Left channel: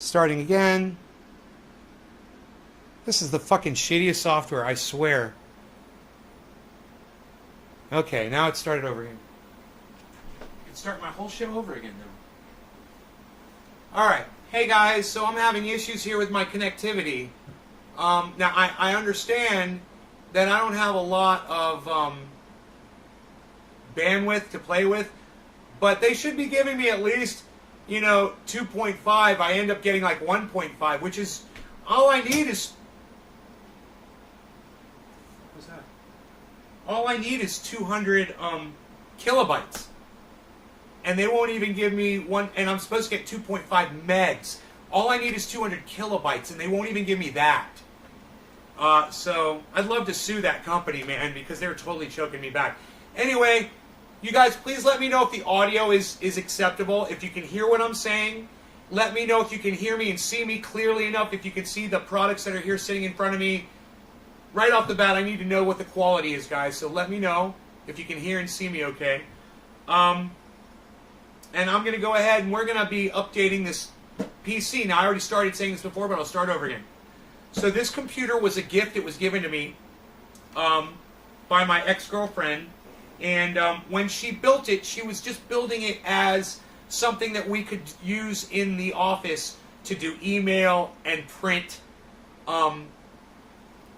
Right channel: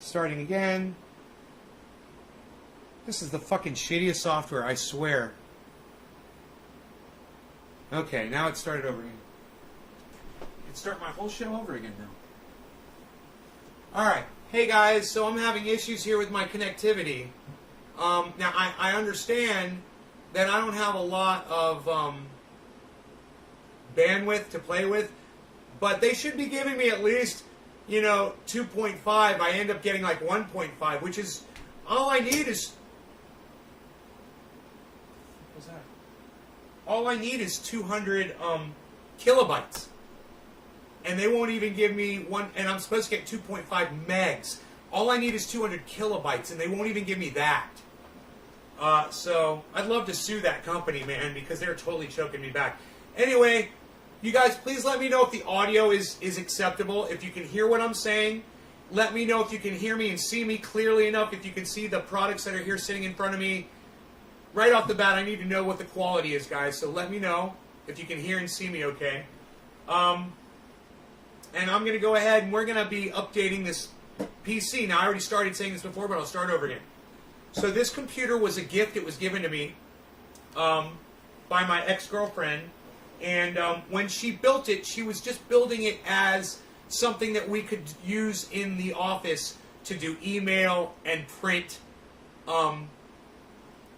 Starting again. This is the fucking shittiest software, I swear. Okay, now it started over again. I can start my whole show over again now. Alright, hey guys, so I'm having issues here with my connectivity. Now, I understand that I don't have a lot of bandwidth to play with, but they should be giving me at least, 2.5. I end up getting like 1.5, which is, all I need is, what's that? All I need is 200 kilobytes. And they won't even give me one, and I'm supposed to get 2.5 megs. All I need is 200 kilobytes, and they won't even give me that. So I'd love to sue that company, man, because they're totally choking me back. Anyway, you guys, please let me know if the audio is acceptable. If you can hear what I'm saying, let me know if you can hear me and see me clearly enough. If you can see the products that are here sitting in front of me. Right off the bat, I need to know what the quality is, guys. So let me know if you can hear and see me okay. And I'm going to go ahead and we're going to be updating this PC. Now, I already started saying this before, but I'll start over again. So this computer was a gift. It was given to me by my ex-girlfriend. And when she built it, she was just building it as something that we could use in the office to do email and print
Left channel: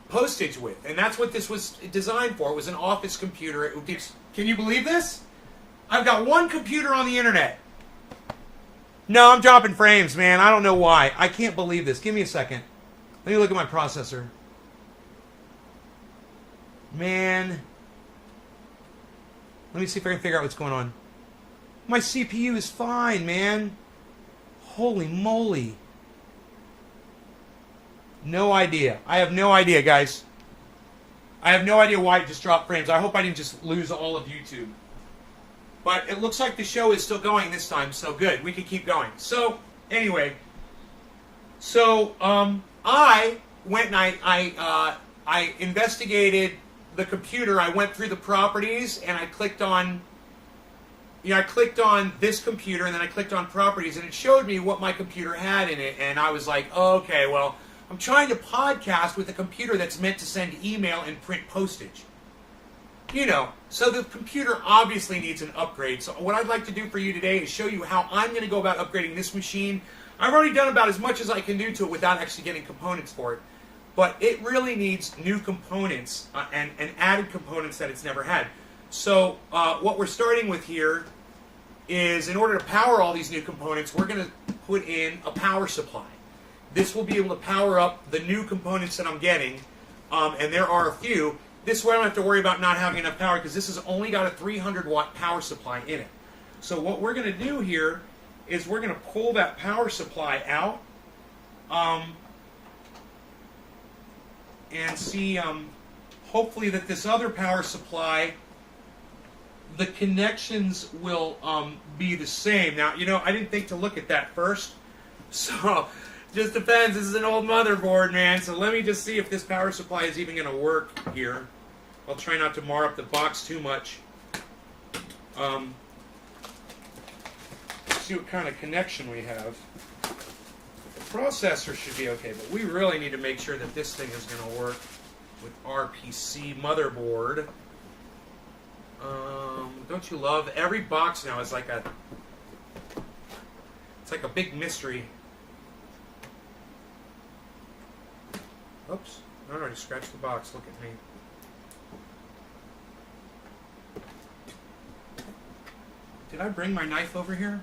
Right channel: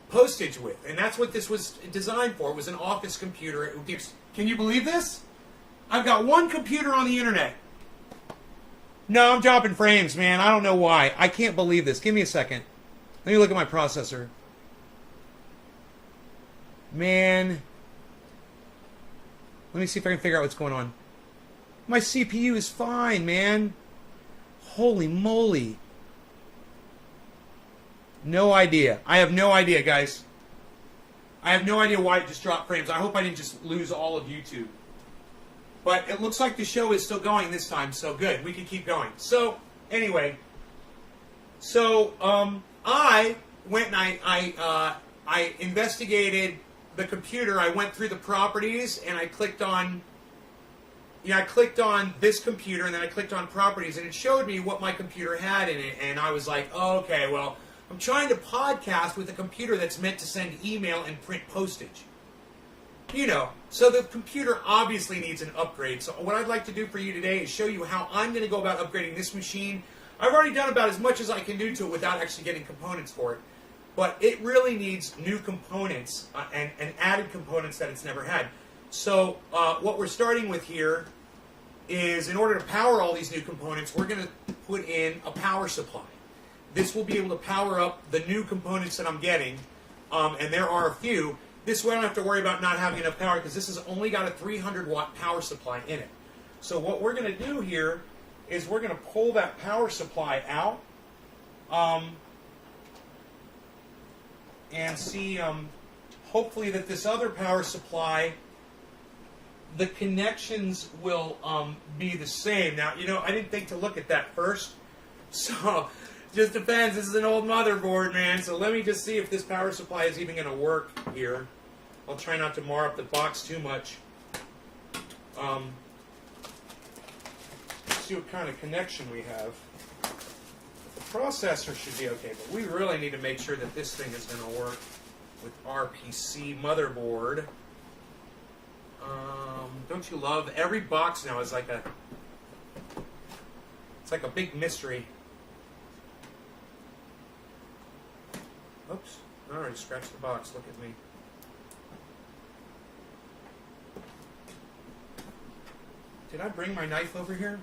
postage with. And that's what this was designed for. It was an office computer. Can you believe this? I've got one computer on the internet. No, I'm dropping frames, man. I don't know why. I can't believe this. Give me a second. Let me look at my processor. Man. Let me see if I can figure out what's going on. My CPU is fine, man. Holy moly. No idea. I have no idea, guys. I have no idea why it just dropped frames. I hope I didn't just lose all of YouTube. But it looks like the show is still going this time, so good. We can keep going. So, anyway. So, I went and I investigated the computer. I went through the properties and I clicked on, I clicked on this computer and then I clicked on properties and it showed me what my computer had in it. And I was like, oh, okay, well, I'm trying to podcast with a computer that's meant to send email and print postage. So the computer obviously needs an upgrade. So what I'd like to do for you today is show you how I'm going to go about upgrading this machine. I've already done about as much as I can do to it without actually getting components for it. But it really needs new components and added components that it's never had. So what we're starting with here is, in order to power all these new components, we're going to put in a power supply. This will be able to power up the new components that I'm getting, and there are a few. This way I don't have to worry about not having enough power because this has only got a 300-watt power supply in it. So what we're going to do here is we're going to pull that power supply out and see, hopefully that this other power supply, the connections will be the same. Now, I didn't think to look at that first, so just depends. This is an old motherboard, man, so let me just see if this power supply is even going to work here. I'll try not to mar up the box too much. See what kind of connection we have. The processor should be okay, but we really need to make sure that this thing is going to work with our PC motherboard. Don't you love every box now is like it's like a big mystery. Oops. Alright, scratch the box. Look at me. Did I bring my knife over here?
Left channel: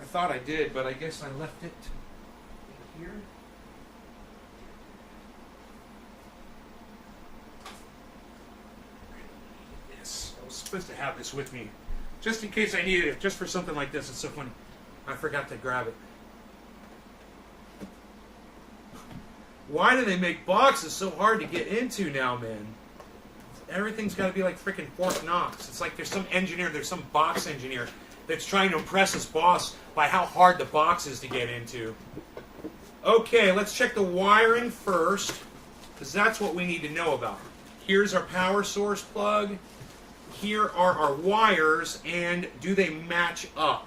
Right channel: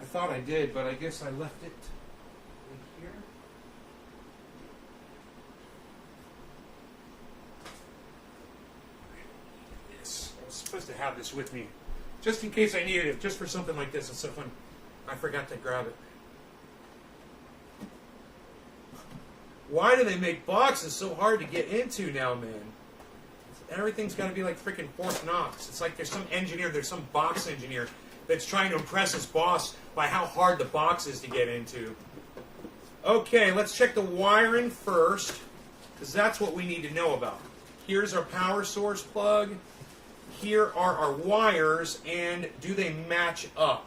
I thought I did, but I guess I left it here. This. I was supposed to have this with me. Just in case I needed it. Just for something like this. It's so fun. I forgot to grab it. Why do they make boxes so hard to get into now, man? Everything's got to be like freaking Fort Knox. It's like there's some engineer, there's some box engineer that's trying to impress his boss by how hard the box is to get into. Okay, let's check the wiring first, because that's what we need to know about. Here's our power source plug. Here are our wires, and do they match up?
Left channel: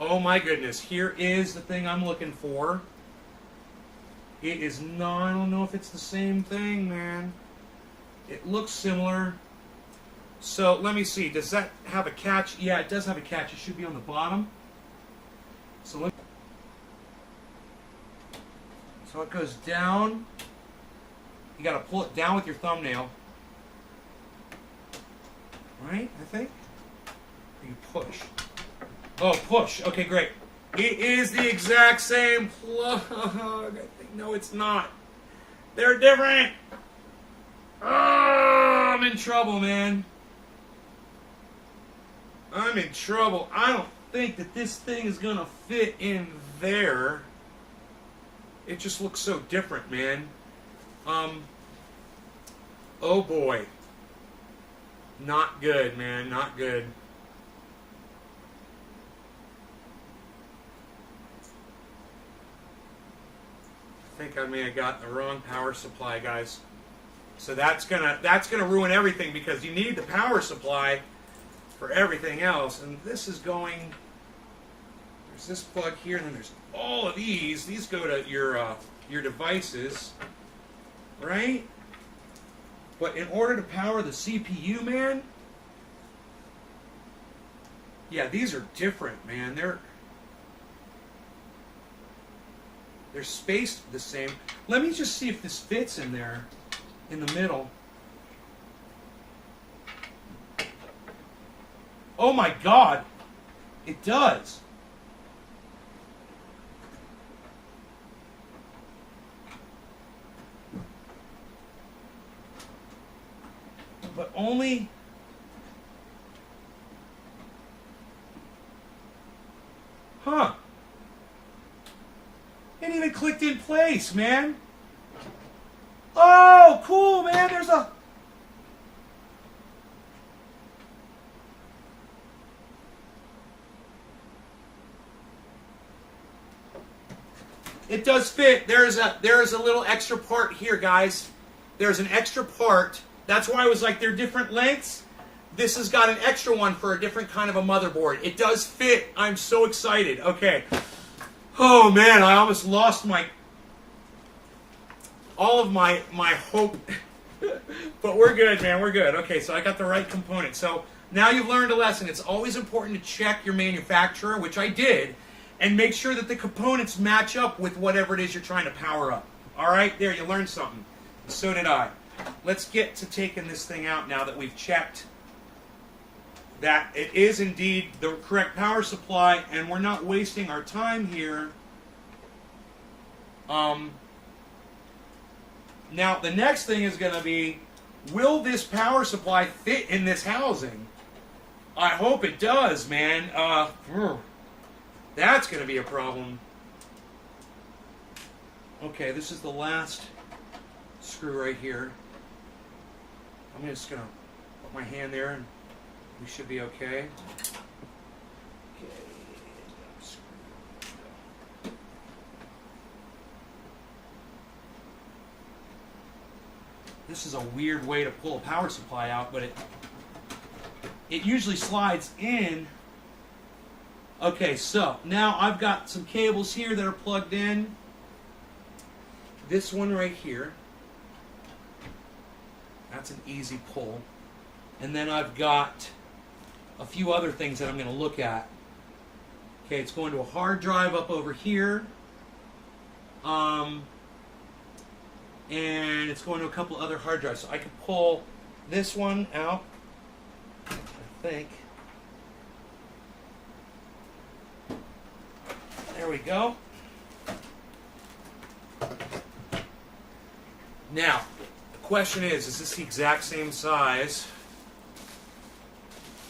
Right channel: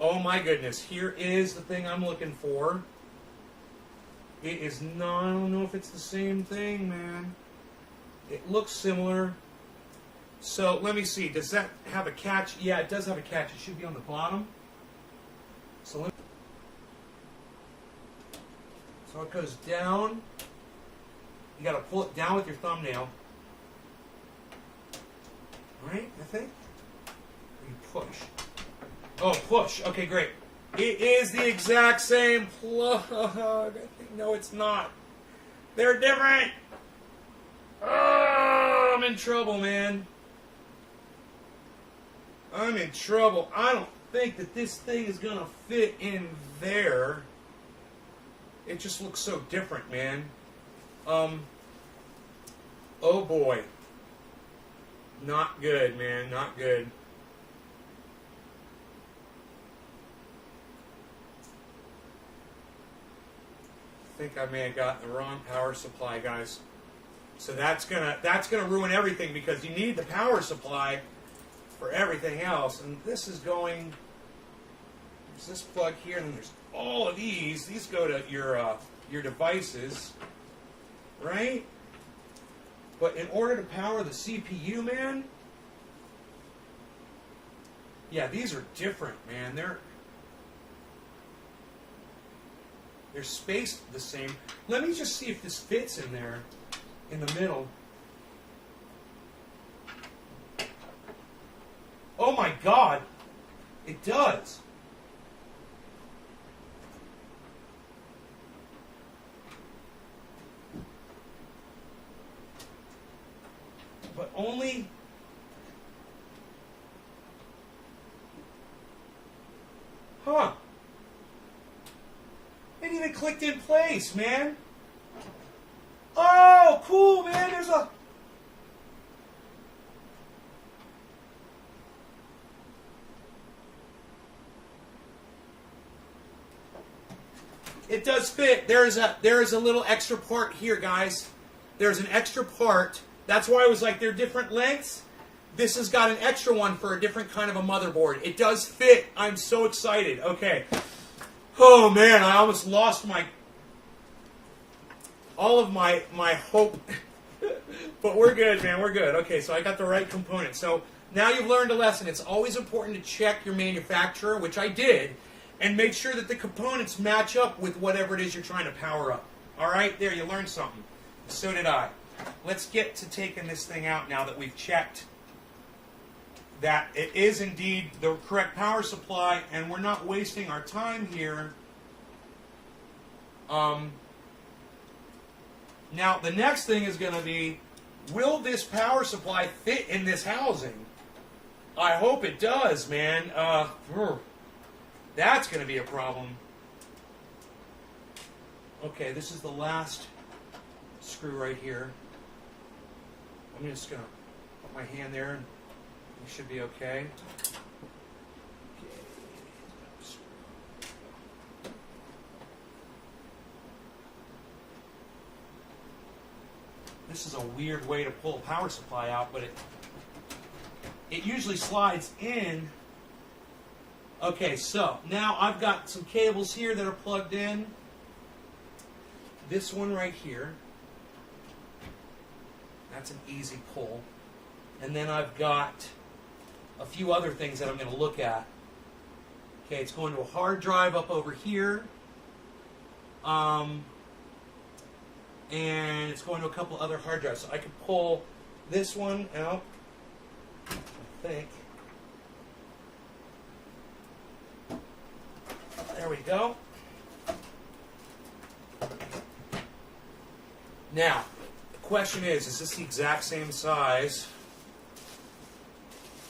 Oh my goodness. Here is the thing I'm looking for. It is not, I don't know if it's the same thing, man. It looks similar. So let me see. Does that have a catch? Yeah, it does have a catch. It should be on the bottom. So it goes down. You got to pull it down with your thumbnail. Right, I think. Or you push. Oh, push. Okay, great. It is the exact same plug. No, it's not. They're different. Oh, I'm in trouble, man. I'm in trouble. I don't think that this thing is going to fit in there. It just looks so different, man. Oh boy. Not good, man. Not good. I think I may have gotten the wrong power supply, guys. So that's gonna ruin everything, because you need the power supply for everything else. And this is going. There's this plug here, and then there's all of these. These go to your devices, right? But in order to power the CPU, man, yeah, these are different, man. They're spaced the same. Let me just see if this fits in there, in the middle. Oh my God, it does. But only. Huh. It even clicked in place, man. Oh, cool, man. There's a. It does fit. There is a little extra part here, guys. There's an extra part. That's why I was like, they're different lengths. This has got an extra one for a different kind of a motherboard. It does fit. I'm so excited. Okay. Oh man, I almost lost all of my hope. But we're good, man. We're good. Okay, so I got the right component. So now you've learned a lesson. It's always important to check your manufacturer, which I did, and make sure that the components match up with whatever it is you're trying to power up. All right, there, you learned something. So did I. Let's get to taking this thing out now that we've checked that it is indeed the correct power supply, and we're not wasting our time here. Now, the next thing is going to be, will this power supply fit in this housing? I hope it does, man. That's going to be a problem. Okay, this is the last screw right here. I'm just going to put my hand there, and we should be okay. This is a weird way to pull a power supply out, but it usually slides in. Okay, so now I've got some cables here that are plugged in. This one right here, that's an easy pull. And then I've got a few other things that I'm going to look at. Okay, it's going to a hard drive up over here. And it's going to a couple other hard drives. So I can pull this one out, I think. There we go. Now, the question is this the exact same size?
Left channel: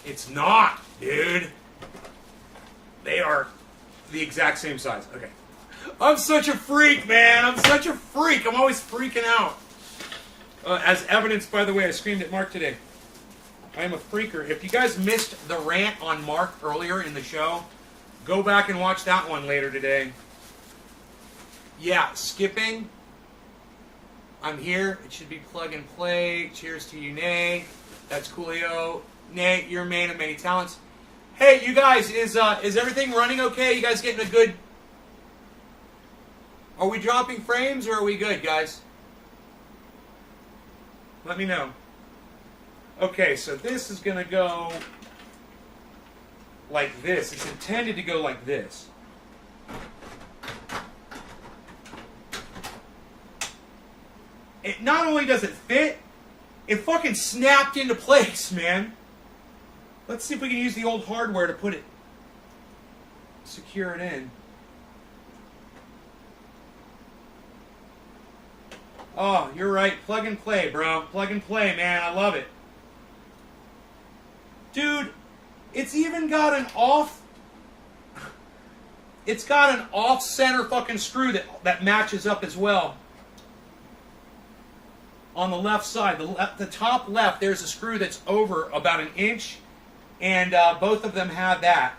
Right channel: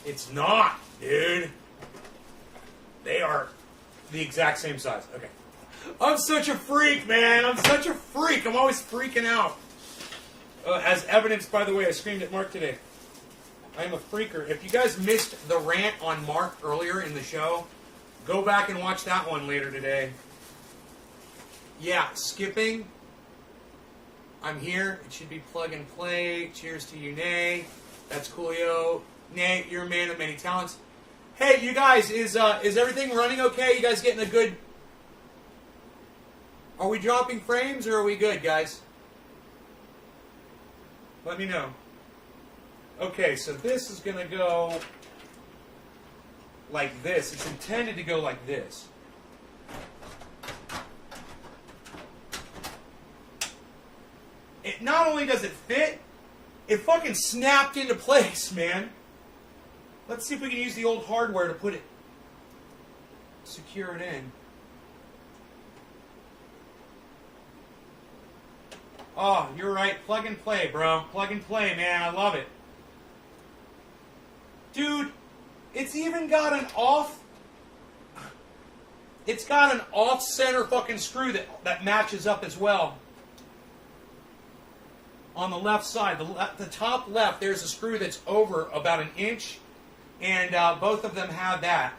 It's not, dude. They are the exact same size. Okay. I'm such a freak, man. I'm such a freak. I'm always freaking out. As evidenced, by the way, I screamed at Mark today. I'm a freaker. If you guys missed the rant on Mark earlier in the show, go back and watch that one later today. Yeah, skipping. I'm here. It should be plug and play. Cheers to you, Nay. That's coolio. Nay, you're a man of many talents. Hey, you guys, is everything running okay? You guys getting a good... Are we dropping frames or are we good, guys? Let me know. Okay, so this is going to go like this. It's intended to go like this. It not only does it fit, it fucking snapped into place, man. Let's see if we can use the old hardware to put it, secure it in. Oh, you're right. Plug and play, bro. Plug and play, man. I love it. Dude, it's even got an off... It's got an off-center fucking screw that matches up as well. On the left side, the top left, there's a screw that's over about an inch. And both of them have that.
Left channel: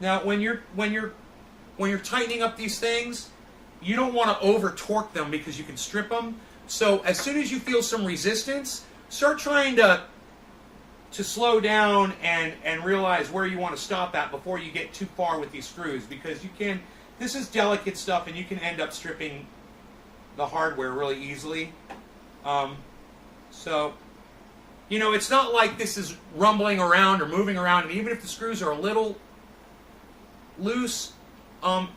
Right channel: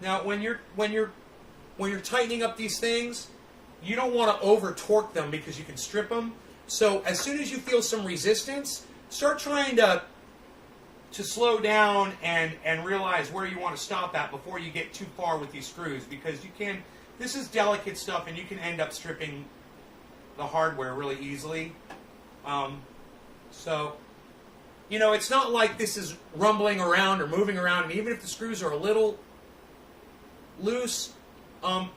Now, when you're tightening up these things, you don't want to over torque them because you can strip them. So as soon as you feel some resistance, start trying to slow down and realize where you want to stop at before you get too far with these screws, because you can. This is delicate stuff, and you can end up stripping the hardware really easily. So, you know, it's not like this is rumbling around or moving around, and even if the screws are a little loose,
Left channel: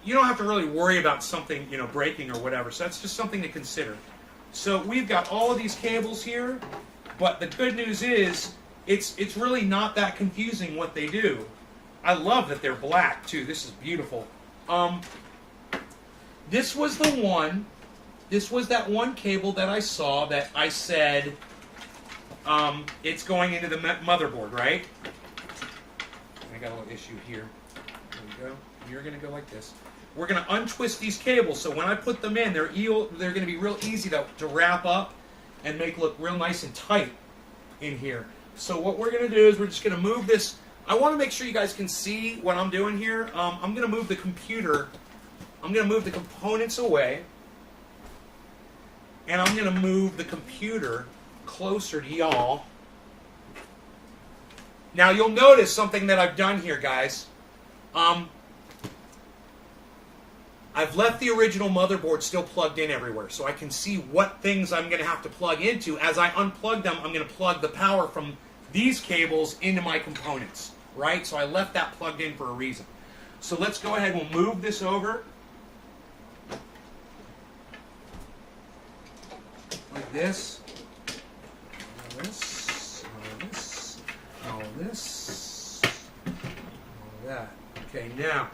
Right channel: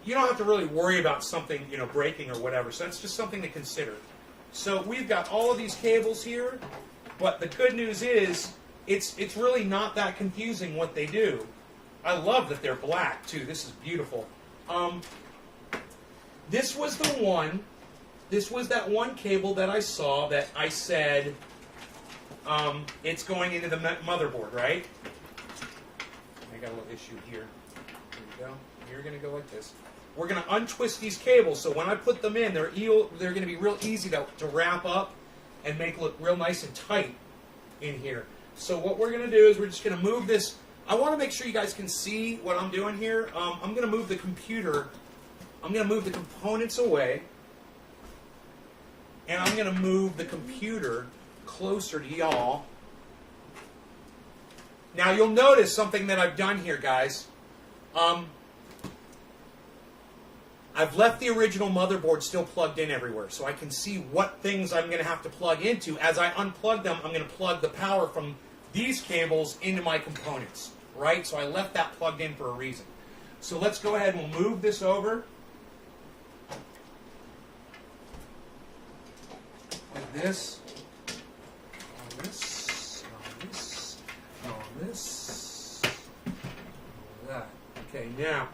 you don't have to really worry about something, you know, breaking or whatever. So that's just something to consider. So we've got all of these cables here, but the good news is it's really not that confusing what they do. I love that they're black too. This is beautiful. This was the one. This was that one cable that I saw that I said it's going into the motherboard, right? I got a little issue here. Here we go. You're going to go like this. We're going to untwist these cables, so when I put them in, they're going to be real easy to wrap up and make look real nice and tight in here. So what we're going to do is we're just going to move this. I want to make sure you guys can see what I'm doing here. I'm going to move the computer. I'm going to move the components away. And I'm going to move the computer closer to y'all. Now you'll notice something that I've done here, guys. I've left the original motherboard still plugged in everywhere, so I can see what things I'm going to have to plug into. As I unplug them, I'm going to plug the power from these cables into my components, right? So I left that plugged in for a reason. So let's go ahead and we'll move this over. Like this. All this. All this. All this. All that. Okay, now.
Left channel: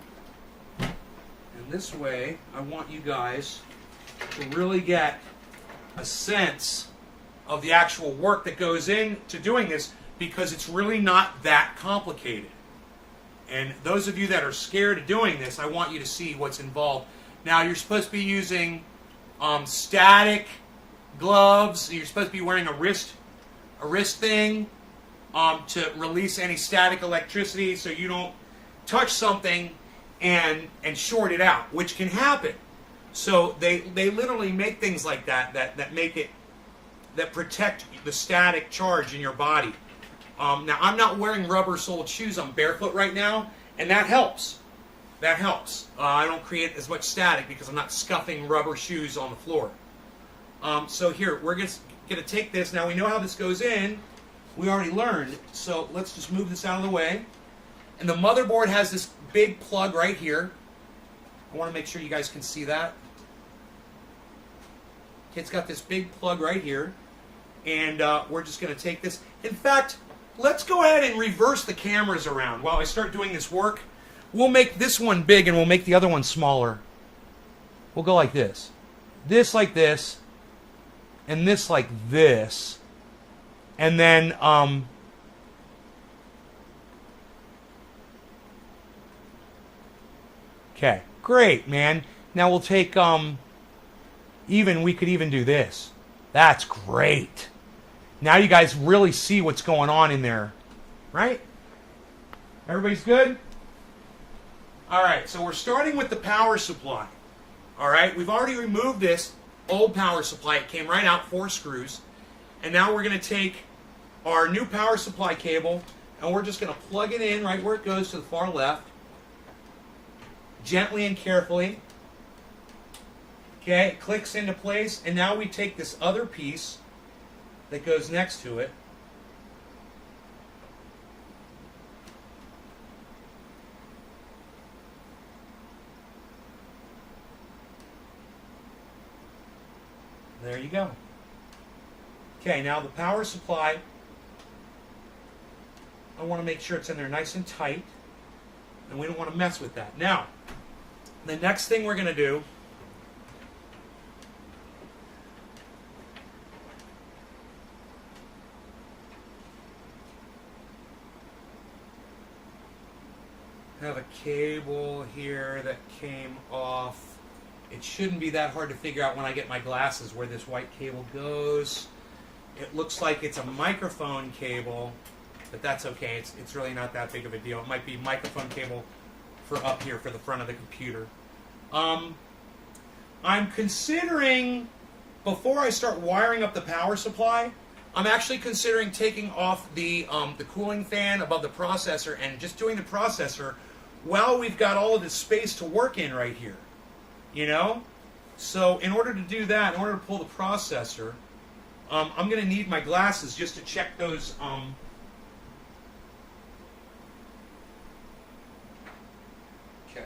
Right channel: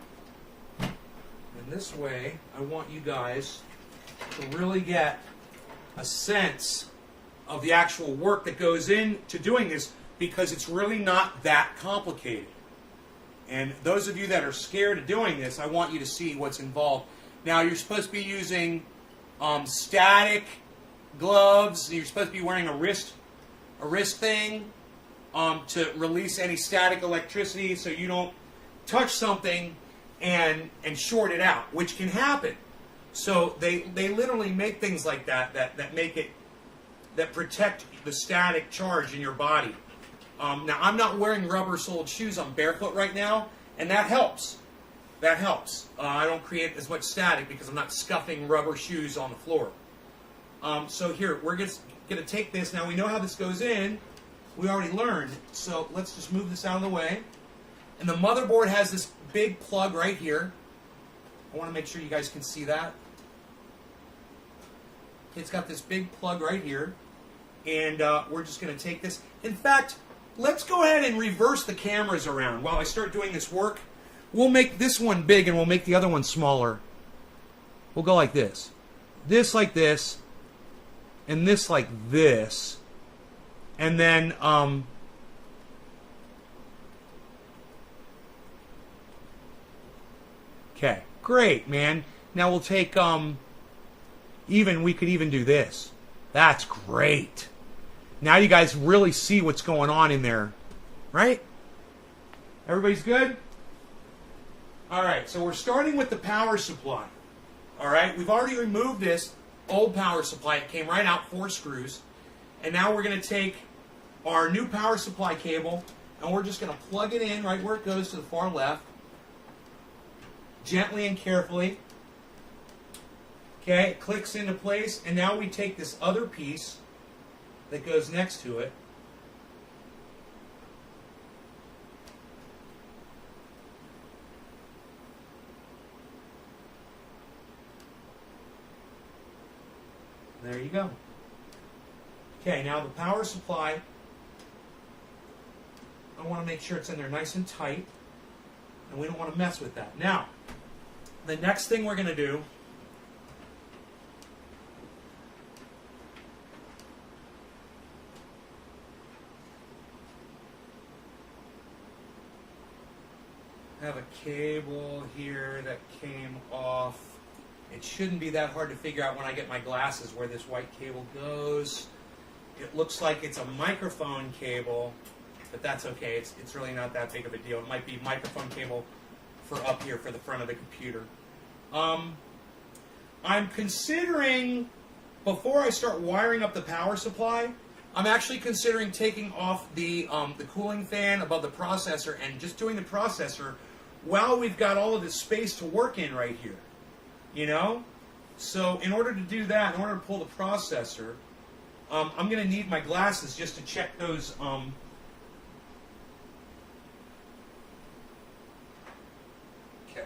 And this way, I want you guys to really get a sense of the actual work that goes into doing this, because it's really not that complicated. And those of you that are scared of doing this, I want you to see what's involved. Now, you're supposed to be using static gloves. You're supposed to be wearing a wrist thing to release any static electricity, so you don't touch something and short it out, which can happen. So they literally make things like that make it, that protect the static charge in your body. Now, I'm not wearing rubber-soled shoes. I'm barefoot right now, and that helps. That helps. I don't create as much static because I'm not scuffing rubber shoes on the floor. So here, we're going to take this. Now, we know how this goes in. We already learned. So let's just move this out of the way. And the motherboard has this big plug right here. I want to make sure you guys can see that. It's got this big plug right here. And we're just going to take this. In fact, let's go ahead and reverse the cameras around while I start doing this work. We'll make this one big and we'll make the other one smaller. We'll go like this. This like this. And this like this. And then, okay, great, man. Now we'll take, we could even do this. That's great. Now you guys really see what's going on in there, right? Everybody's good? All right, so we're starting with the power supply. All right, we've already removed this. old power supply. It came right out, 4 screws. And now we're going to take our new power supply cable and we're just going to plug it in right where it goes to the far left. Gently and carefully. Okay, it clicks into place. And now we take this other piece that goes next to it. There you go. Okay, now the power supply, I want to make sure it's in there nice and tight, and we don't want to mess with that. Now, the next thing we're going to do have a cable here that came off. It shouldn't be that hard to figure out when I get my glasses where this white cable goes. It looks like it's a microphone cable, but that's okay. It's really not that big of a deal. It might be microphone cable for up here for the front of the computer. I'm considering, before I start wiring up the power supply, I'm actually considering taking off the cooling fan above the processor and just doing the processor while we've got all of this space to work in right here. You know? So in order to do that, in order to pull the processor, I'm going to need my glasses just to check those. Okay.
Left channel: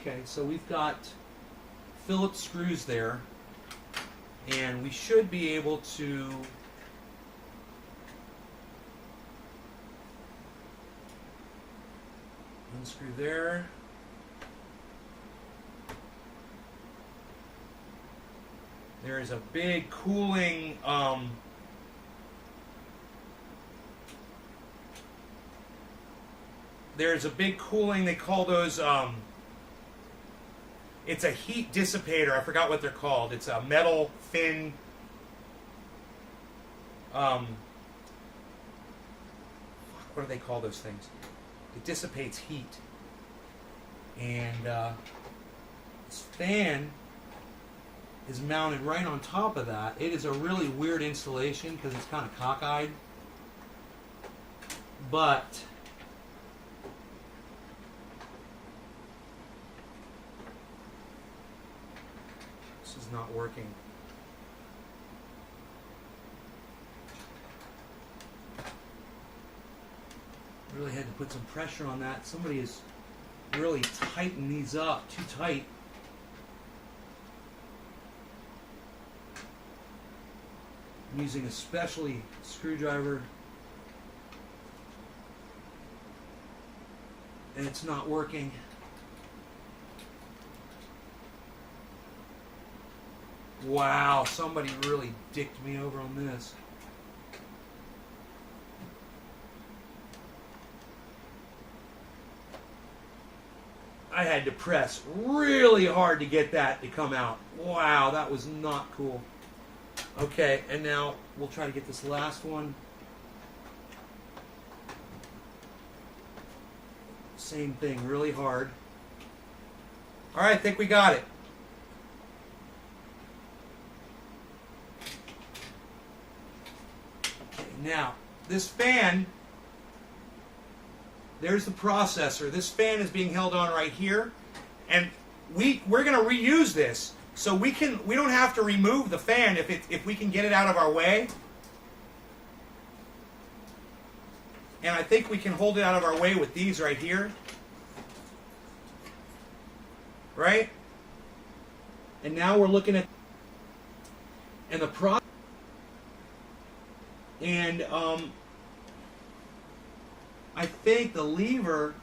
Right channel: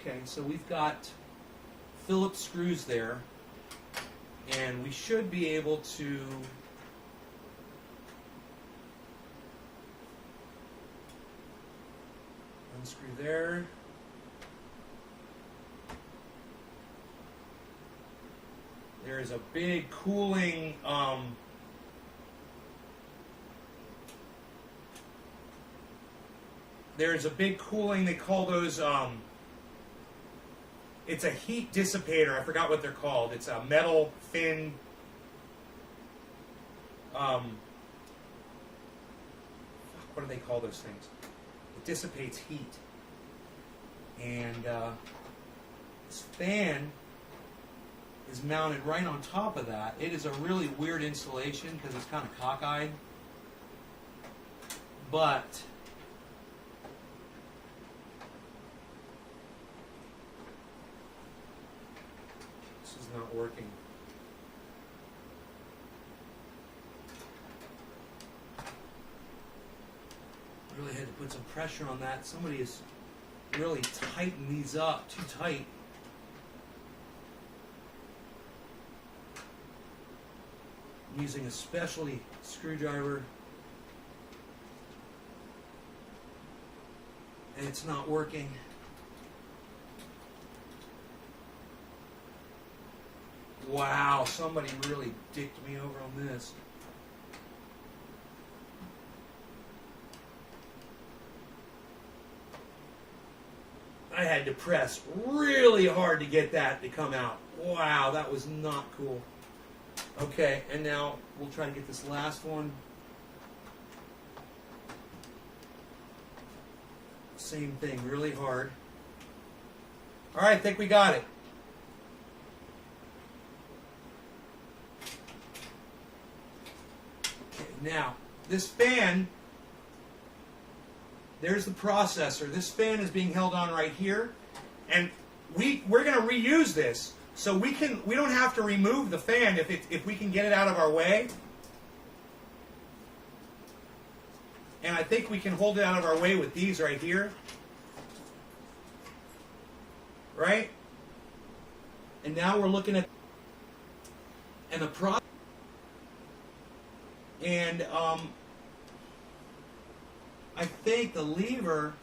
Okay, so we've got Phillips screws there, and we should be able to unscrew there. There is a big cooling they call those it's a heat dissipator. I forgot what they're called. It's a metal thin what do they call those things? It dissipates heat. And this fan is mounted right on top of that. It is a really weird installation because it's kind of cockeyed. But this is not working. Really had to put some pressure on that. Somebody has really tightened these up too tight. I'm using a specialty screwdriver, and it's not working. Wow, somebody really dicked me over on this. I had to press really hard to get that to come out. Wow, that was not cool. Okay, and now we'll try to get this last one. Same thing, really hard. All right, I think we got it. Okay, now, this fan, there's the processor. This fan is being held on right here, and we're going to reuse this, so we don't have to remove the fan if we can get it out of our way. And I think we can hold it out of our way with these right here, right? And now we're looking at and the pro and I think the lever.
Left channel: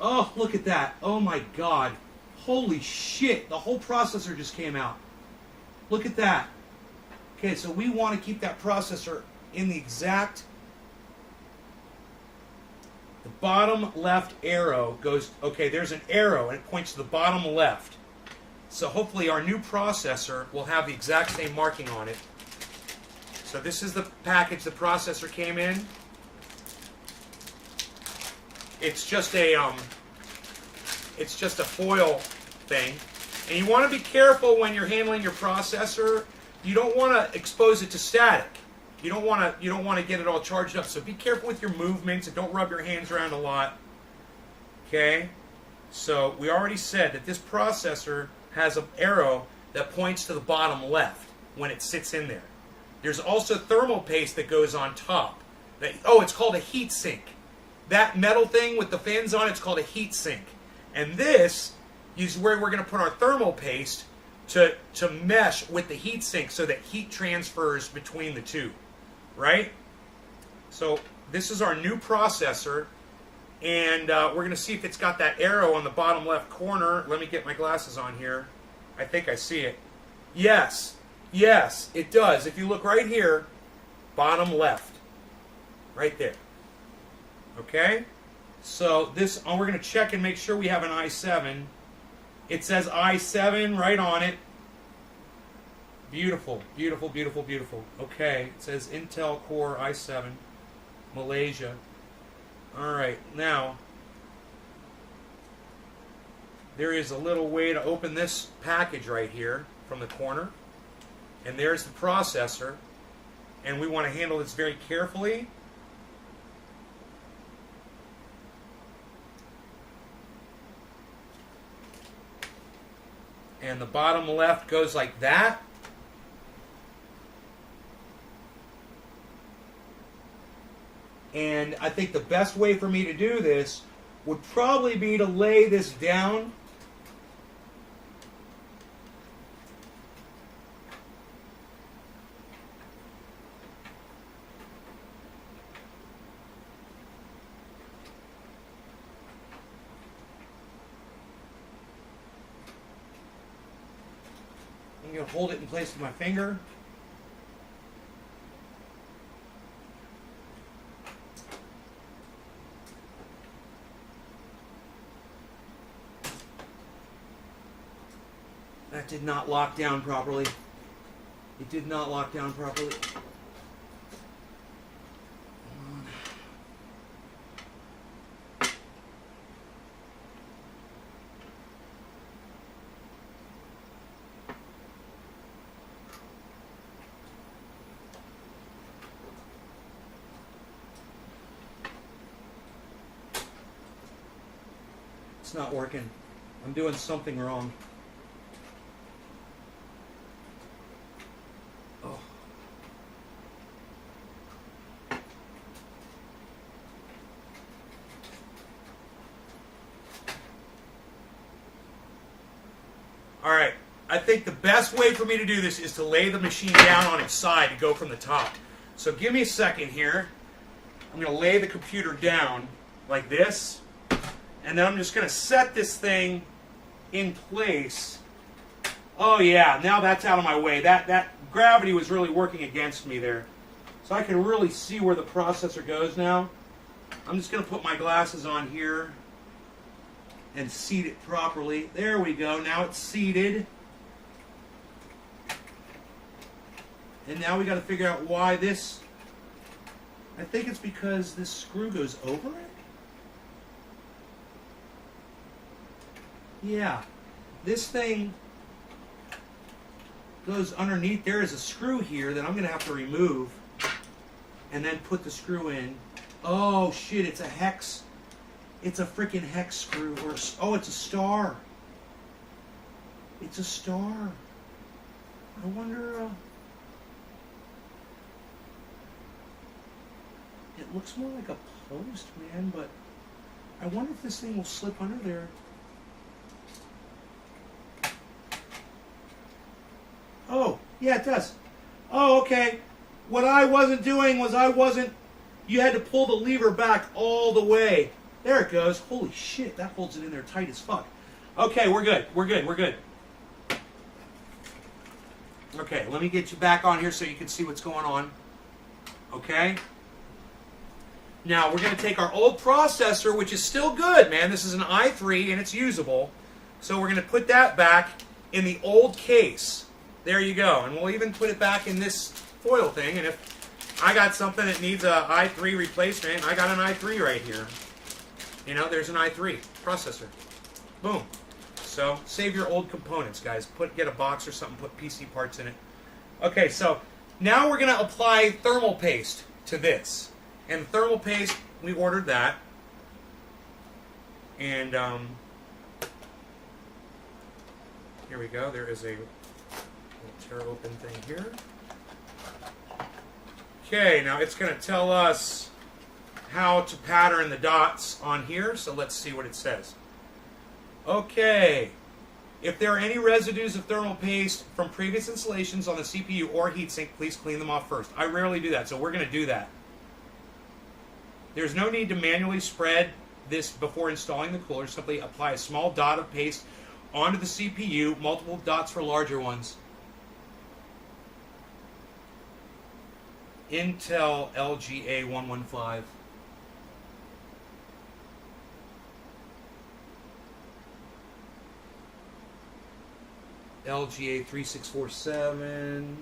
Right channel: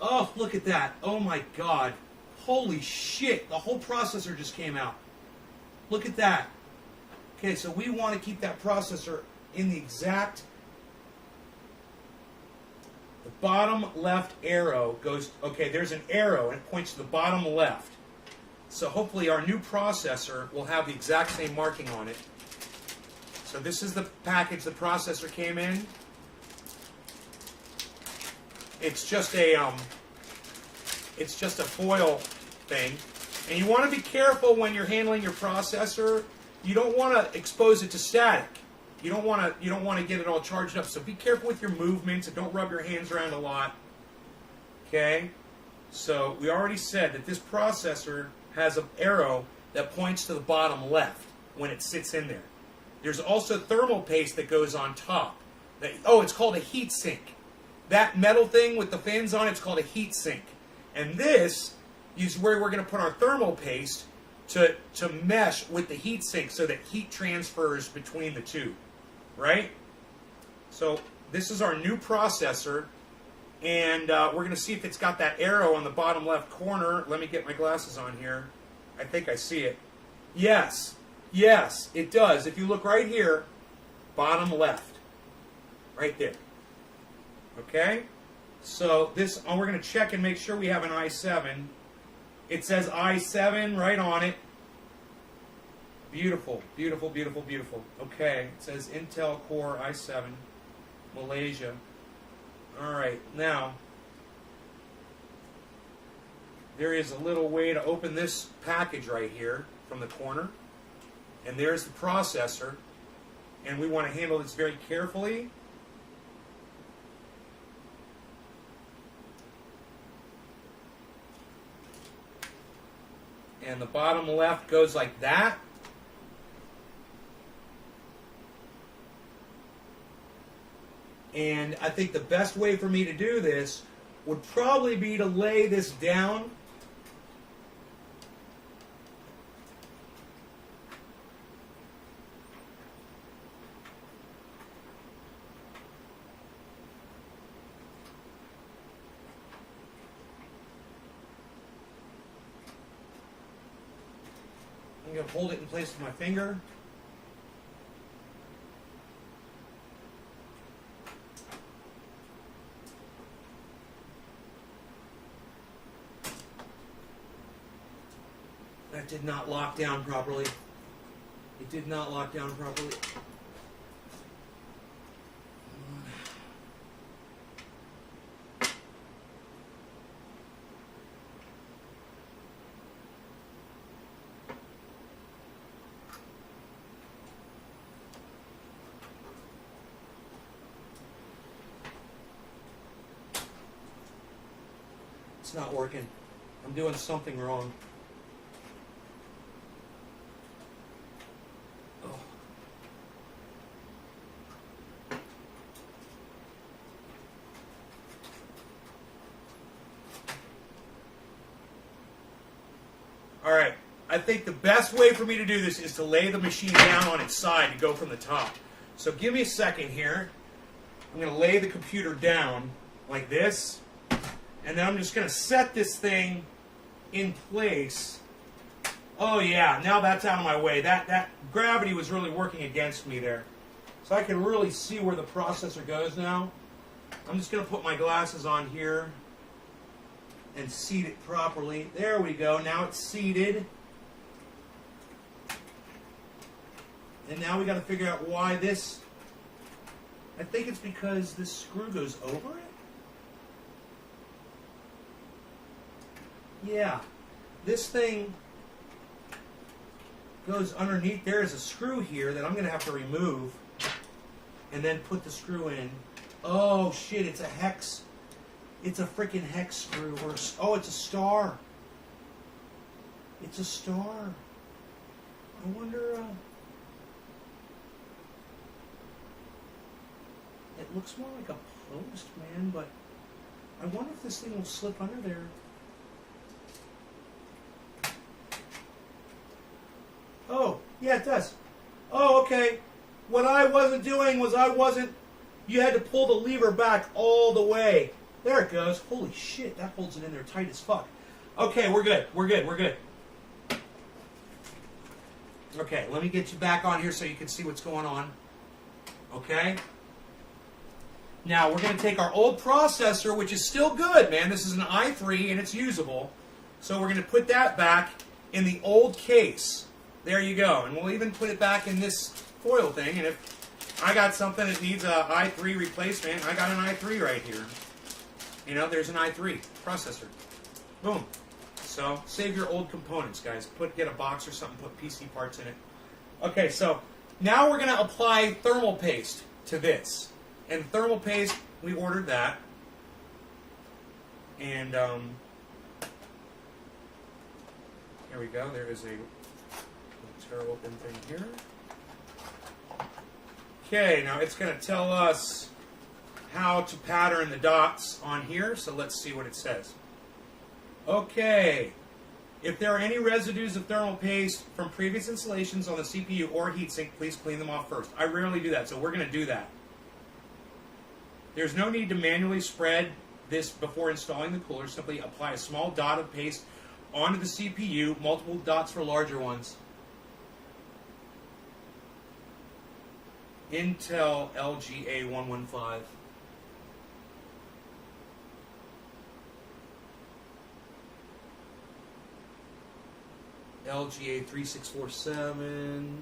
Oh, look at that. Oh my God. Holy shit. The whole processor just came out. Look at that. Okay, so we want to keep that processor in the exact. The bottom left arrow goes. Okay, there's an arrow and it points to the bottom left. So hopefully our new processor will have the exact same marking on it. So this is the package the processor came in. It's just a foil thing. And you want to be careful when you're handling your processor. You don't want to expose it to static. You don't want to get it all charged up. So be careful with your movements and don't rub your hands around a lot. Okay? So we already said that this processor has an arrow that points to the bottom left when it sits in there. There's also thermal paste that goes on top. It's called a heat sink. That metal thing with the fins on it's called a heat sink. And this is where we're going to put our thermal paste to mesh with the heat sink so that heat transfers between the two. Right? So this is our new processor. And we're going to see if it's got that arrow on the bottom left corner. Let me get my glasses on here. I think I see it. Yes. Yes, it does. If you look right here, bottom left. Right there. Okay? So this, we're going to check and make sure we have an i7. It says i7 right on it. Beautiful, beautiful, beautiful, beautiful. Okay, it says Intel Core i7, Malaysia. All right, now, there is a little way to open this package right here from the corner. And there's the processor. And we want to handle this very carefully. And the bottom left goes like that. And I think the best way for me to do this would probably be to lay this down. I'm going to hold it in place with my finger. That did not lock down properly. It did not lock down properly. It's not working. I'm doing something wrong. Oh. All right. I think the best way for me to do this is to lay the machine down on its side and go from the top. So give me a second here. I'm going to lay the computer down like this. And then I'm just going to set this thing in place. Oh yeah, now that's out of my way. That gravity was really working against me there. So I can really see where the processor goes now. I'm just going to put my glasses on here and seat it properly. There we go. Now it's seated. And now we got to figure out why this. I think it's because this screw goes over it. Yeah, this thing goes underneath. There is a screw here that I'm going to have to remove and then put the screw in. Oh, shit, it's a hex. It's a freaking hex screw. Oh, it's a star. It's a star. I wonder... it looks more like a post, man, but I wonder if this thing will slip under there. Oh, yeah, it does. Oh, okay. What I wasn't doing was you had to pull the lever back all the way. There it goes. Holy shit, that holds it in there tight as fuck. Okay, we're good. We're good. We're good. Okay, let me get you back on here so you can see what's going on. Okay? Now, we're going to take our old processor, which is still good, man. This is an i3, and it's usable. So we're going to put that back in the old case. There you go. And we'll even put it back in this foil thing, and if I got something that needs a i3 replacement, I got an i3 right here. You know, there's an i3 processor. Boom. So save your old components, guys. Get a box or something, put PC parts in it. Okay, so now we're going to apply thermal paste to this. And thermal paste, we ordered that. And here we go. There is a tear open thing here. Okay, now it's going to tell us how to pattern the dots on here. So let's see what it says. Okay. If there are any residues of thermal paste from previous installations on the CPU or heatsink, please clean them off first. I rarely do that, so we're going to do that. There's no need to manually spread this before installing the cooler. Simply apply a small dot of paste onto the CPU, multiple dots for larger ones. Intel LGA 115. LGA 3647.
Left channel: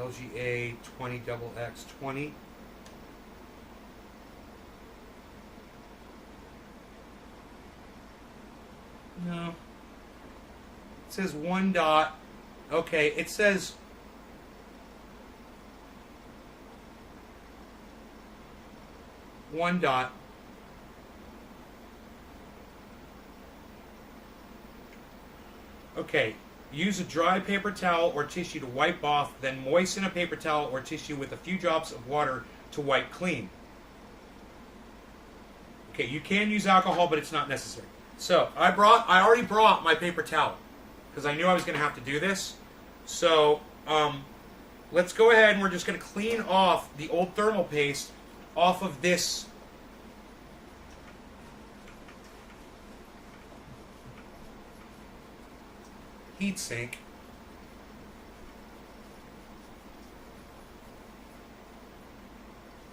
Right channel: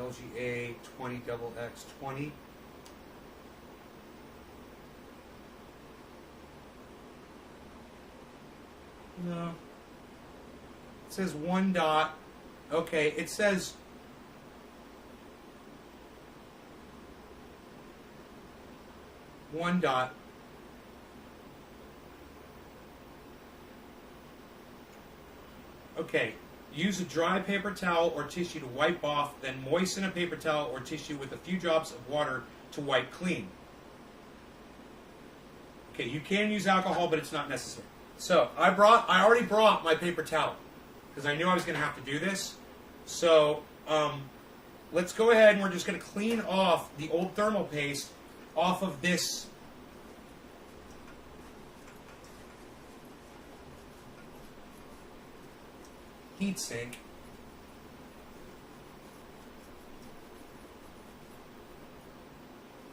LGA 20XX20. No. It says one dot. Okay, it says one dot. Okay, use a dry paper towel or tissue to wipe off, then moisten a paper towel or tissue with a few drops of water to wipe clean. Okay, you can use alcohol, but it's not necessary. So, I already brought my paper towel, because I knew I was going to have to do this. So, let's go ahead and we're just going to clean off the old thermal paste off of this heatsink.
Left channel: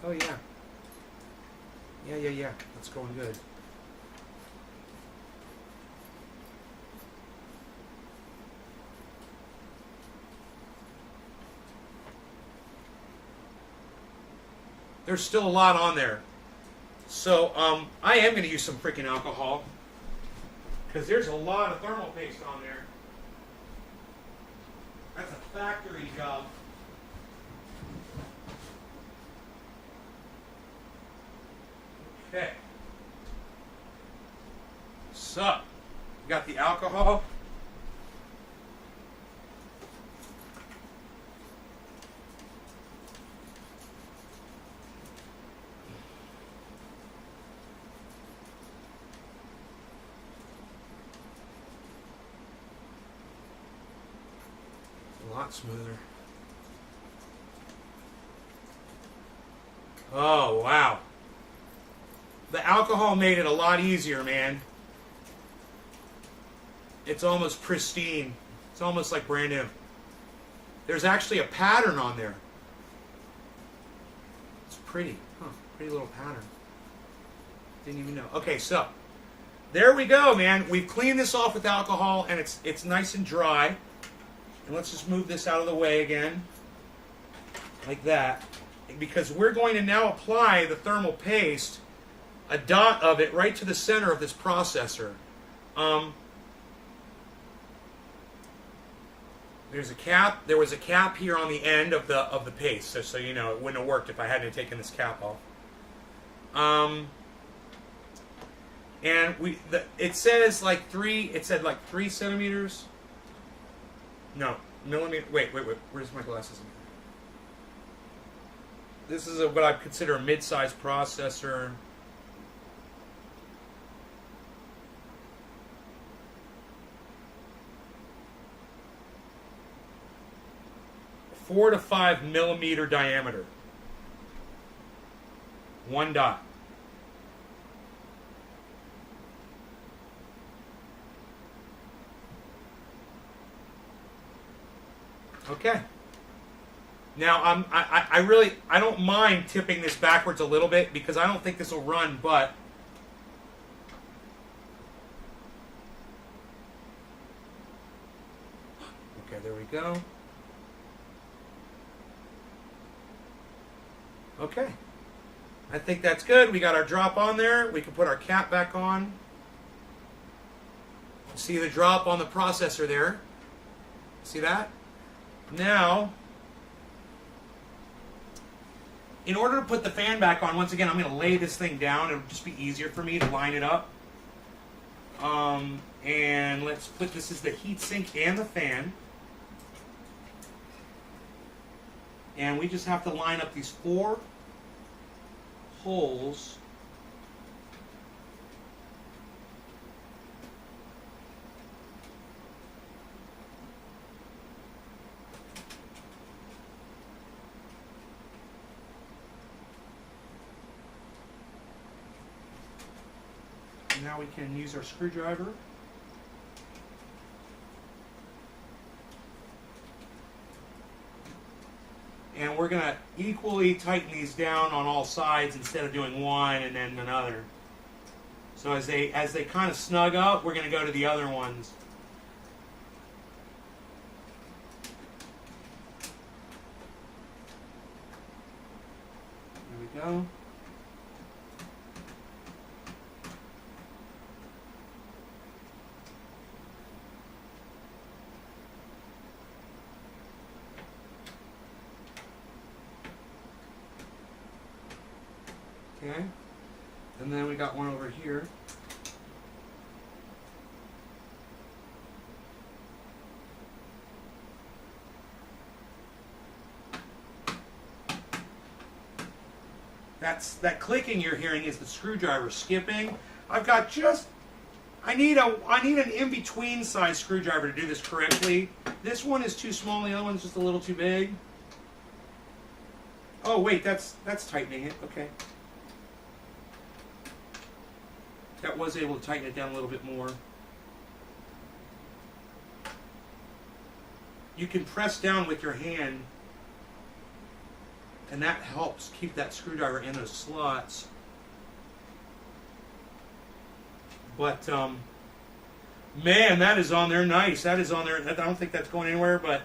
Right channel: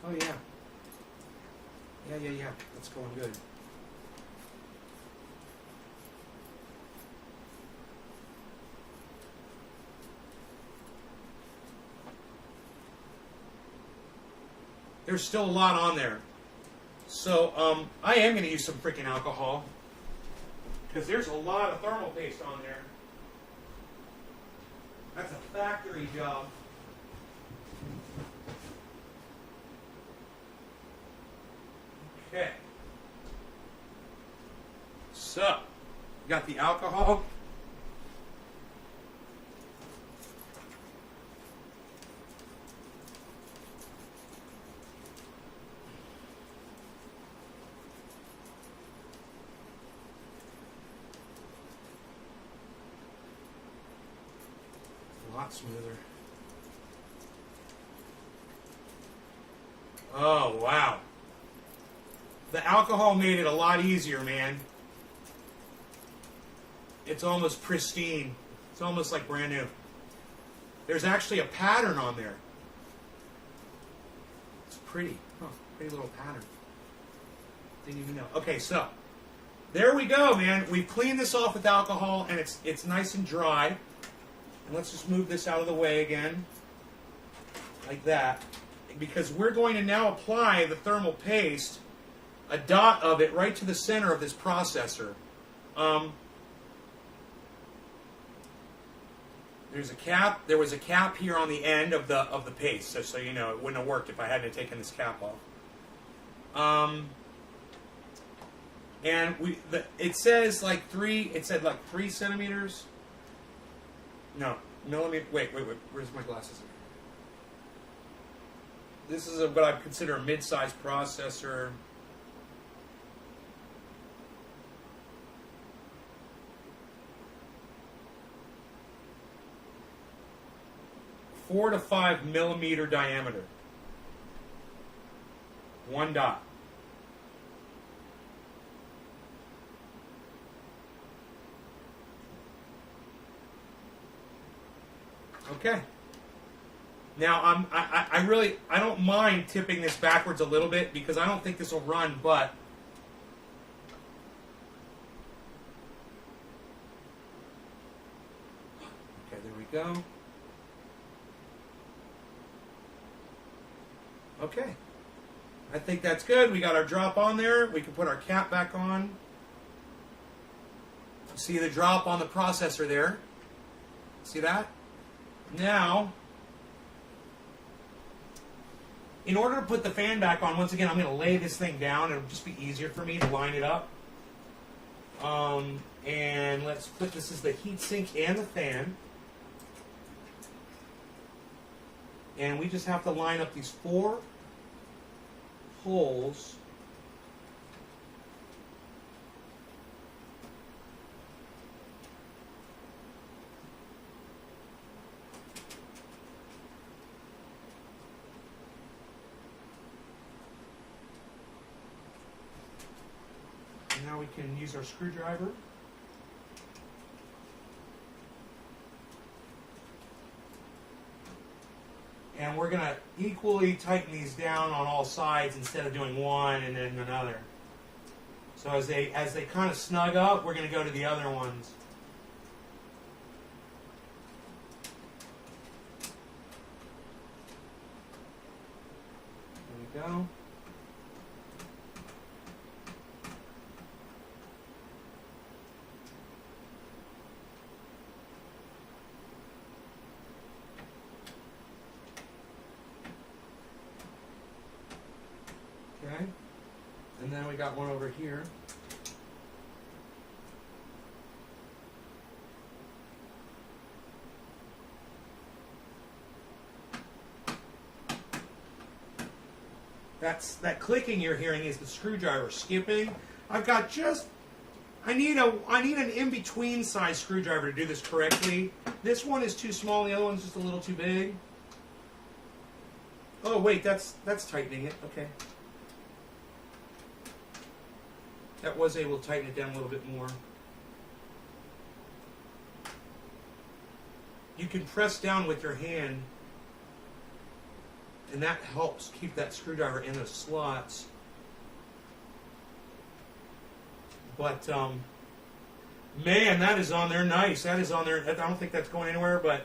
Oh yeah. Yeah. That's going good. There's still a lot on there. So, I am going to use some freaking alcohol, because there's a lot of thermal paste on there. That's a factory job. Okay. So, got the alcohol. A lot smoother. Oh, wow. The alcohol made it a lot easier, man. It's almost pristine. It's almost like brand new. There's actually a pattern on there. It's pretty. Huh, pretty little pattern. Didn't even know. Okay, so there we go, man. We've cleaned this off with alcohol, and it's nice and dry. And let's just move this out of the way again, like that, because we're going to now apply the thermal paste, a dot of it right to the center of this processor. There's a cap. There was a cap here on the end of the paste, so you know it wouldn't have worked if I hadn't taken this cap off. And it says like 3. It said like 3 centimeters. No, millimeter. Wait. Where's my glasses? This is what I'd consider a mid-sized processor. Four to 5 millimeter diameter. One dot. Okay. Now I don't mind tipping this backwards a little bit because I don't think this will run, but we go. Okay. I think that's good. We got our drop on there. We can put our cap back on. See the drop on the processor there? See that? Now, in order to put the fan back on, once again, I'm going to lay this thing down. It'll just be easier for me to line it up. And let's put this as the heatsink and the fan. And we just have to line up these 4 holes. And now we can use our screwdriver. And we're going to equally tighten these down on all sides instead of doing one and then another. So as they kind of snug up, we're going to go to the other ones. There we go. Okay, and then we got one over here. That clicking you're hearing is the screwdriver skipping. I've got I need an in-between size screwdriver to do this correctly. This one is too small, the other one's just a little too big. Oh wait, that's tightening it, okay. That was able to tighten it down a little bit more. You can press down with your hand, and that helps keep that screwdriver in those slots. But, man, that is on there nice. That is on there. I don't think that's going anywhere, but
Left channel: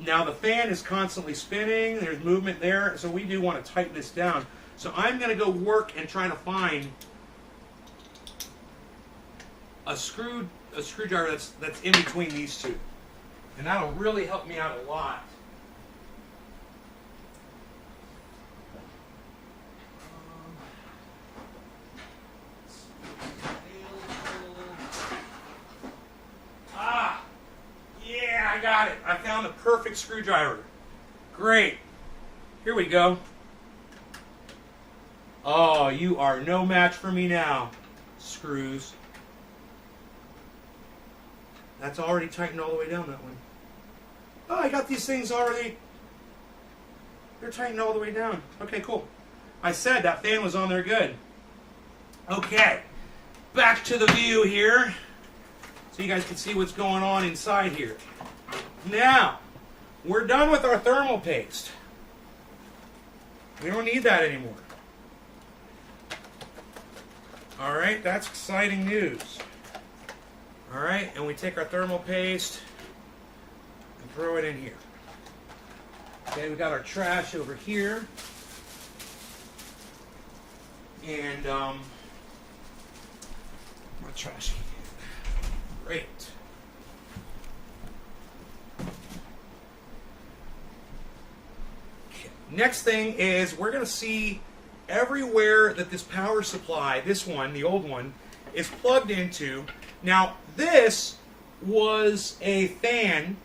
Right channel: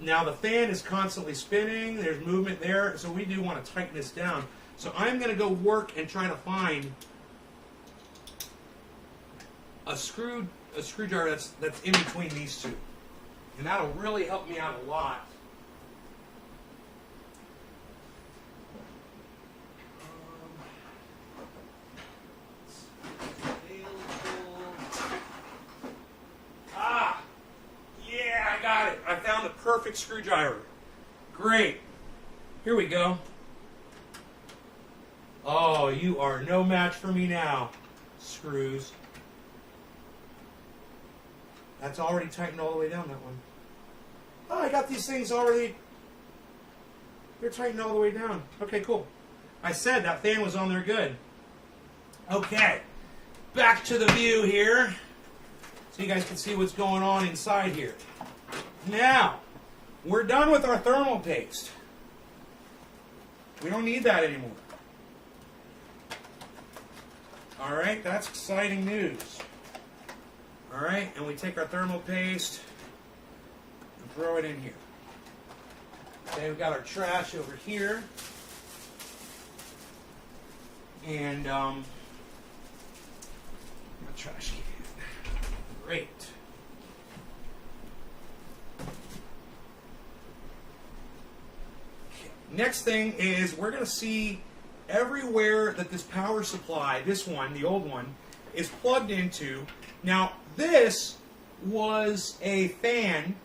now the fan is constantly spinning. There's movement there, so we do want to tighten this down. So I'm going to go work and try to find a screwdriver that's in between these two. And that'll really help me out a lot. Yeah, I got it. I found the perfect screwdriver. Great. Here we go. Oh, you are no match for me now, screws. That's already tightened all the way down, that one. Oh, I got these things already. They're tightened all the way down. Okay, cool. I said that fan was on there good. Okay, back to the view here. So you guys can see what's going on inside here. Now, we're done with our thermal paste. We don't need that anymore. All right, that's exciting news. All right, and we take our thermal paste and throw it in here. And we've got our trash over here. And, my trash can. Great. Okay. Next thing is we're going to see everywhere that this power supply, this one, the old one, is plugged into. Now, this was a fan,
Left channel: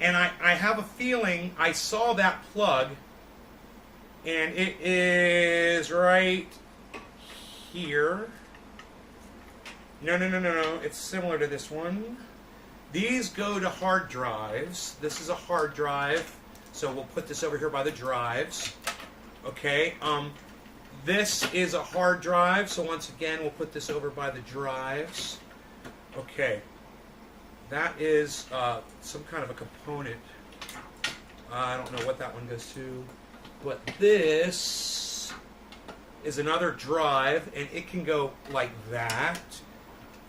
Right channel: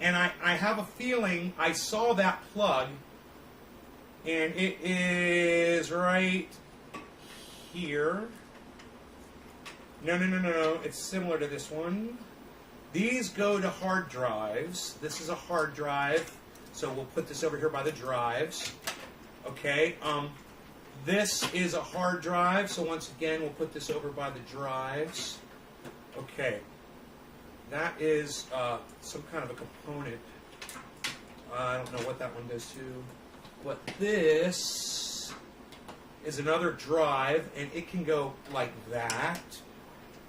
and I have a feeling I saw that plug, and it is right here. No. It's similar to this one. These go to hard drives. This is a hard drive, so we'll put this over here by the drives. Okay. This is a hard drive, so once again, we'll put this over by the drives. Okay. That is some kind of a component. I don't know what that one goes to. But this is another drive, and it can go like that.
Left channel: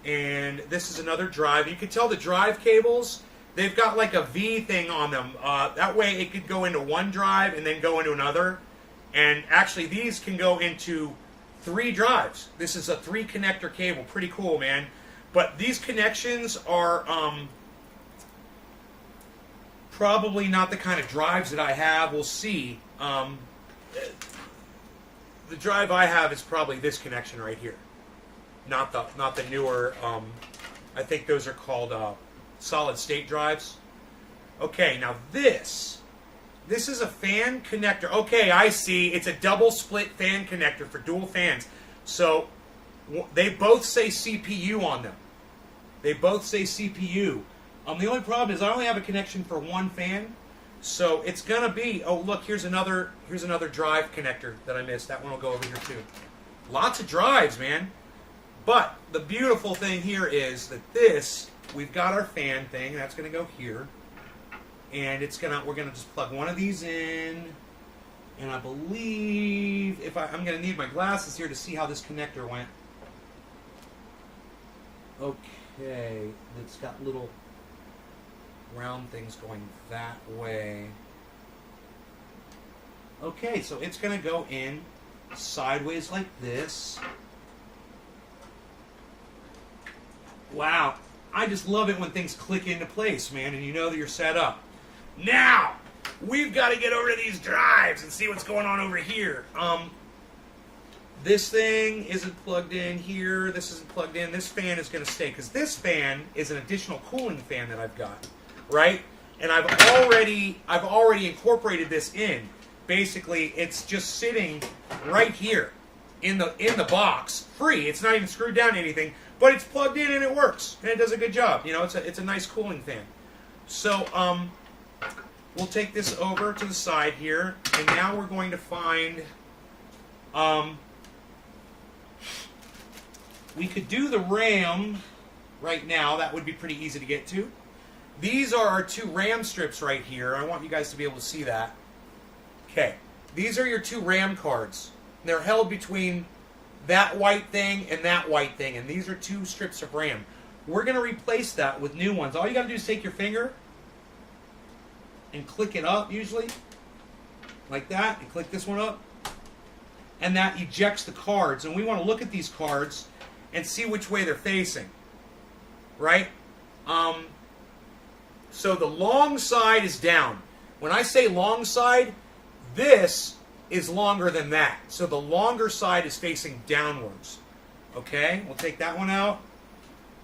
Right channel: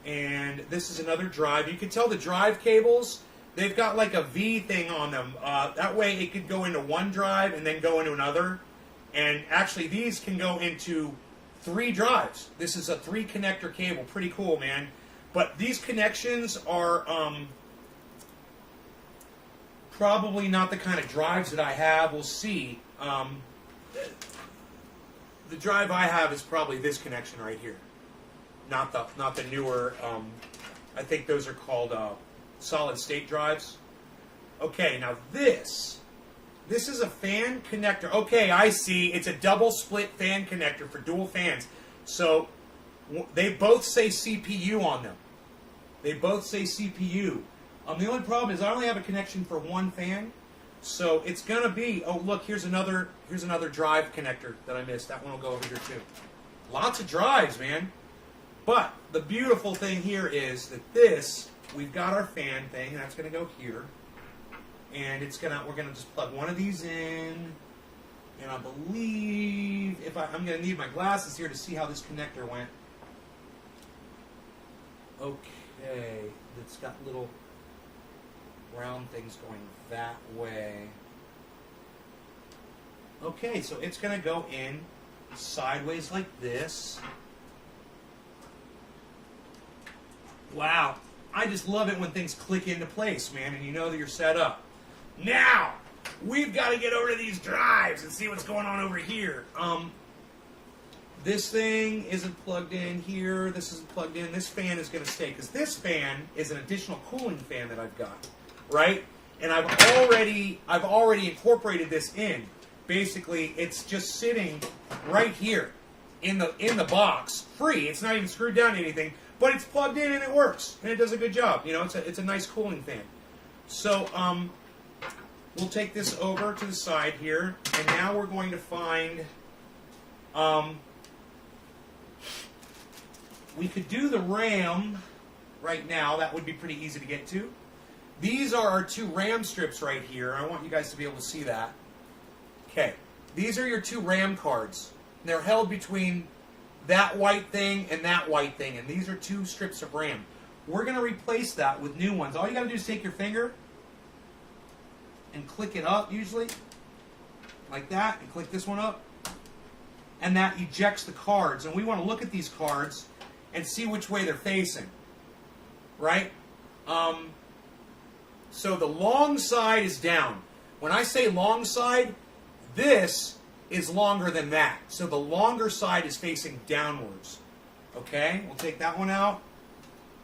And this is another drive. You can tell the drive cables they've got like a V thing on them. That way it could go into one drive and then go into another. And actually these can go into 3 drives. This is a 3 connector cable. Pretty cool, man. But these connections are probably not the kind of drives that I have. We'll see. The drive I have is probably this connection right here. Not the newer, I think those are called solid state drives. Okay, now this is a fan connector. Okay, I see. It's a double split fan connector for dual fans. So they both say CPU on them. They both say CPU. The only problem is I only have a connection for one fan. So it's gonna be, oh look, here's another drive connector that I missed. That one will go over here too. Lots of drives, man. But the beautiful thing here is that we've got our fan thing, that's gonna go here. And we're gonna just plug one of these in. And I believe I'm gonna need my glasses here to see how this connector went. Okay, it's got little round things going that way. Okay, so it's going to go in sideways like this. Wow, I just love it when things click into place, man, and you know that you're set up. Now, we've got to get over to these drives and see what's going on over here. This thing isn't plugged in here. This isn't plugged in. This fan is going to stay because this fan is an additional cooling fan that I've got. Right? And I've already incorporated this in. Basically, it's just sitting right here in the box, free. It's not even screwed down to anything, but it's plugged in and it works, and it does a good job. You know, it's a nice cooling fan. So we'll take this over to the side here, and now we're going to find we could do the RAM right now. That would be pretty easy to get to. These are our 2 RAM strips right here. I want you guys to be able to see that. Okay. These are your 2 RAM cards. They're held between that white thing and that white thing. And these are 2 strips of RAM. We're going to replace that with new ones. All you got to do is take your finger and click it up, usually. Like that. And click this one up. And that ejects the cards. And we want to look at these cards and see which way they're facing. Right? So the long side is down. When I say long side, this is longer than that. So the longer side is facing downwards. Okay, we'll take that one out.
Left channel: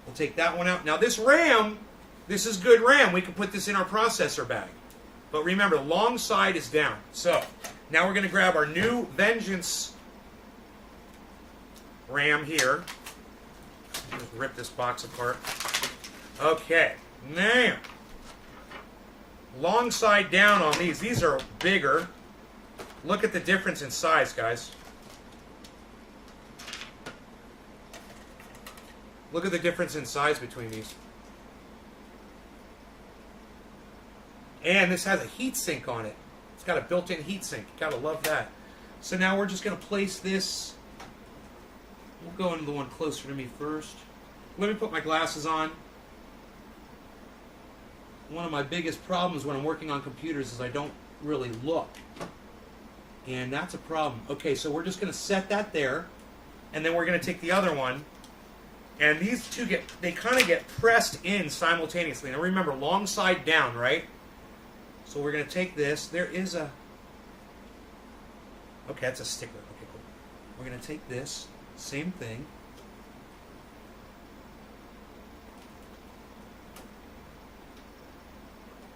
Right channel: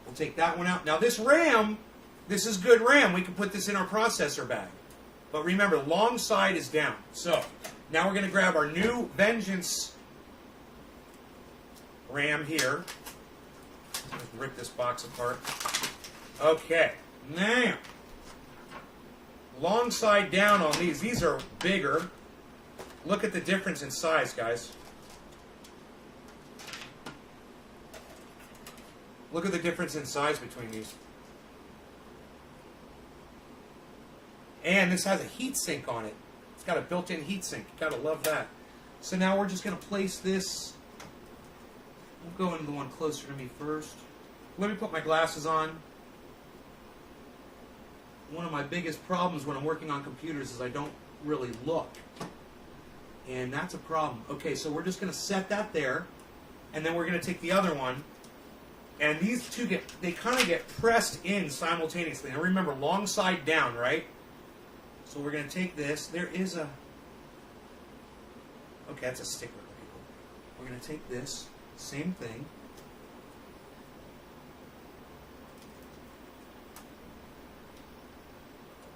We'll take that one out. Now this RAM, this is good RAM. We can put this in our processor bag. But remember, the long side is down. So now we're going to grab our new Vengeance RAM here. Just rip this box apart. Okay, now long side down on these. These are bigger. Look at the difference in size, guys. Look at the difference in size between these. And this has a heat sink on it. It's got a built-in heat sink. You gotta love that. So now we're just gonna place this. We'll go into the one closer to me first. Let me put my glasses on. One of my biggest problems when I'm working on computers is I don't really look. And that's a problem. Okay, so we're just going to set that there. And then we're going to take the other one. And these two they kind of get pressed in simultaneously. Now remember, long side down, right? So we're going to take this. There is a... Okay, that's a sticker. Okay, cool. We're going to take this. Same thing.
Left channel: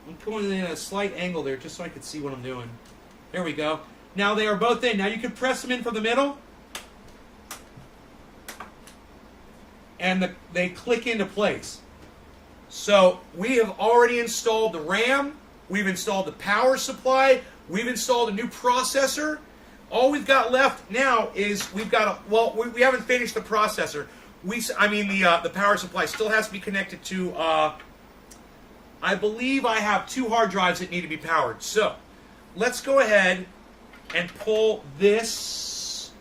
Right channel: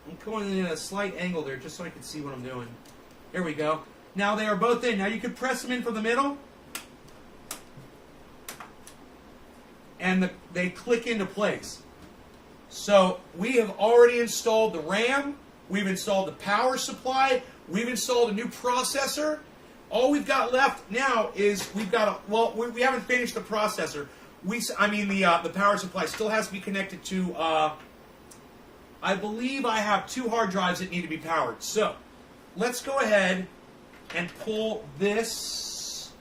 I'm going in a slight angle there just so I can see what I'm doing. There we go. Now they are both in. Now you can press them in from the middle. And they click into place. So we have already installed the RAM. We've installed the power supply. We've installed a new processor. All we've got left now is we haven't finished the processor. The power supply still has to be connected to... I believe I have 2 hard drives that need to be powered. So, let's go ahead and pull this.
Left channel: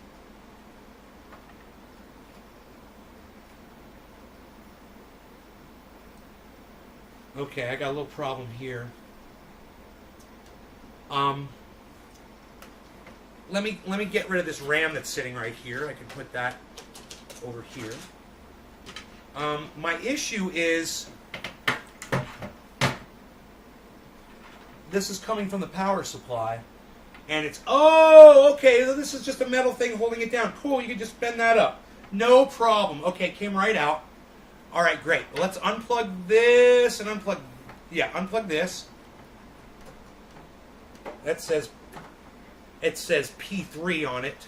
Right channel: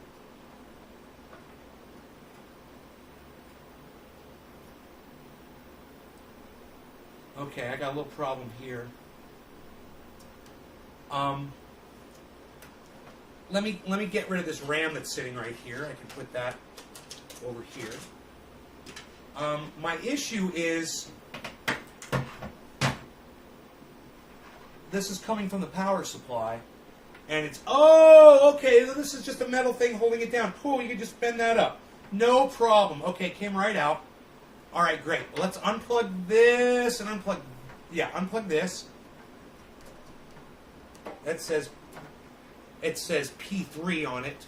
Okay, I got a little problem here. Let me get rid of this RAM that's sitting right here. I can put that over here. My issue is this is coming from the power supply, and it's okay. So this is just a metal thing holding it down. Cool. You can just bend that up. No problem. Okay, it came right out. All right, great. Let's unplug this and unplug this. It says P3 on it.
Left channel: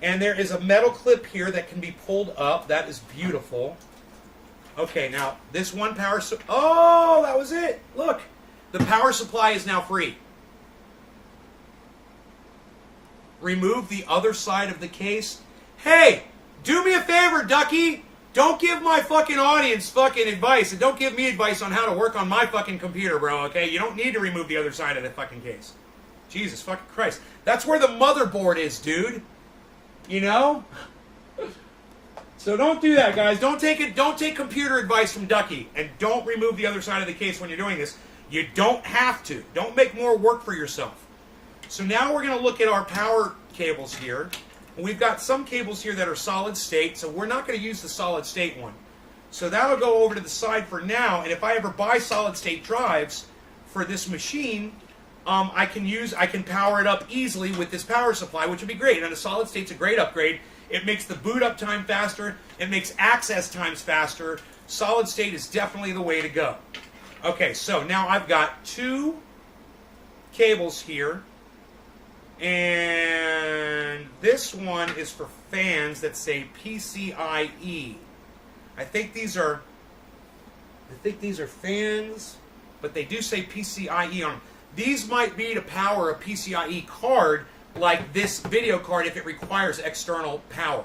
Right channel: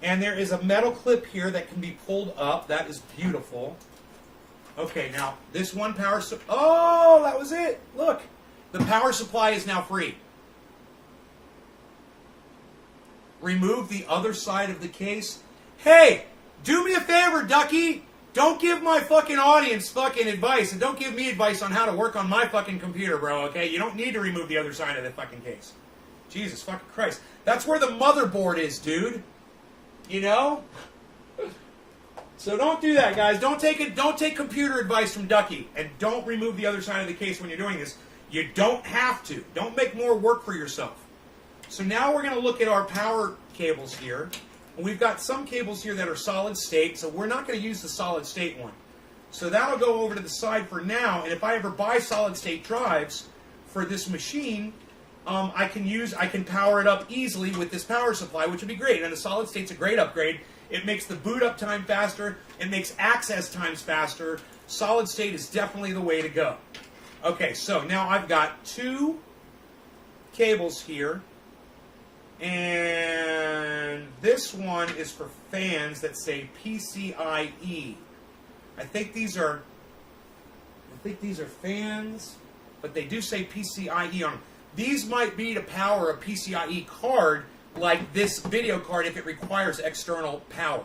And there is a metal clip here that can be pulled up. That is beautiful. Okay, now this one power that was it. Look. The power supply is now free. Remove the other side of the case. Hey, do me a favor, Ducky. Don't give my fucking audience fucking advice, and don't give me advice on how to work on my fucking computer, bro, okay? You don't need to remove the other side of the fucking case. Jesus fucking Christ. That's where the motherboard is, dude. You know? So don't do that, guys. Don't take computer advice from Ducky, and don't remove the other side of the case when you're doing this. You don't have to. Don't make more work for yourself. So now we're going to look at our power cables here. We've got some cables here that are solid state, so we're not going to use the solid state one. So that'll go over to the side for now, and if I ever buy solid state drives for this machine, I can power it up easily with this power supply, which would be great. And the solid state's a great upgrade. It makes the boot up time faster. It makes access times faster. Solid state is definitely the way to go. Okay, so now I've got two cables here. And this one is for fans that say PCIe. I think these are fans, but they do say PCIe on them. These might be to power a PCIe card like this video card if it requires external power.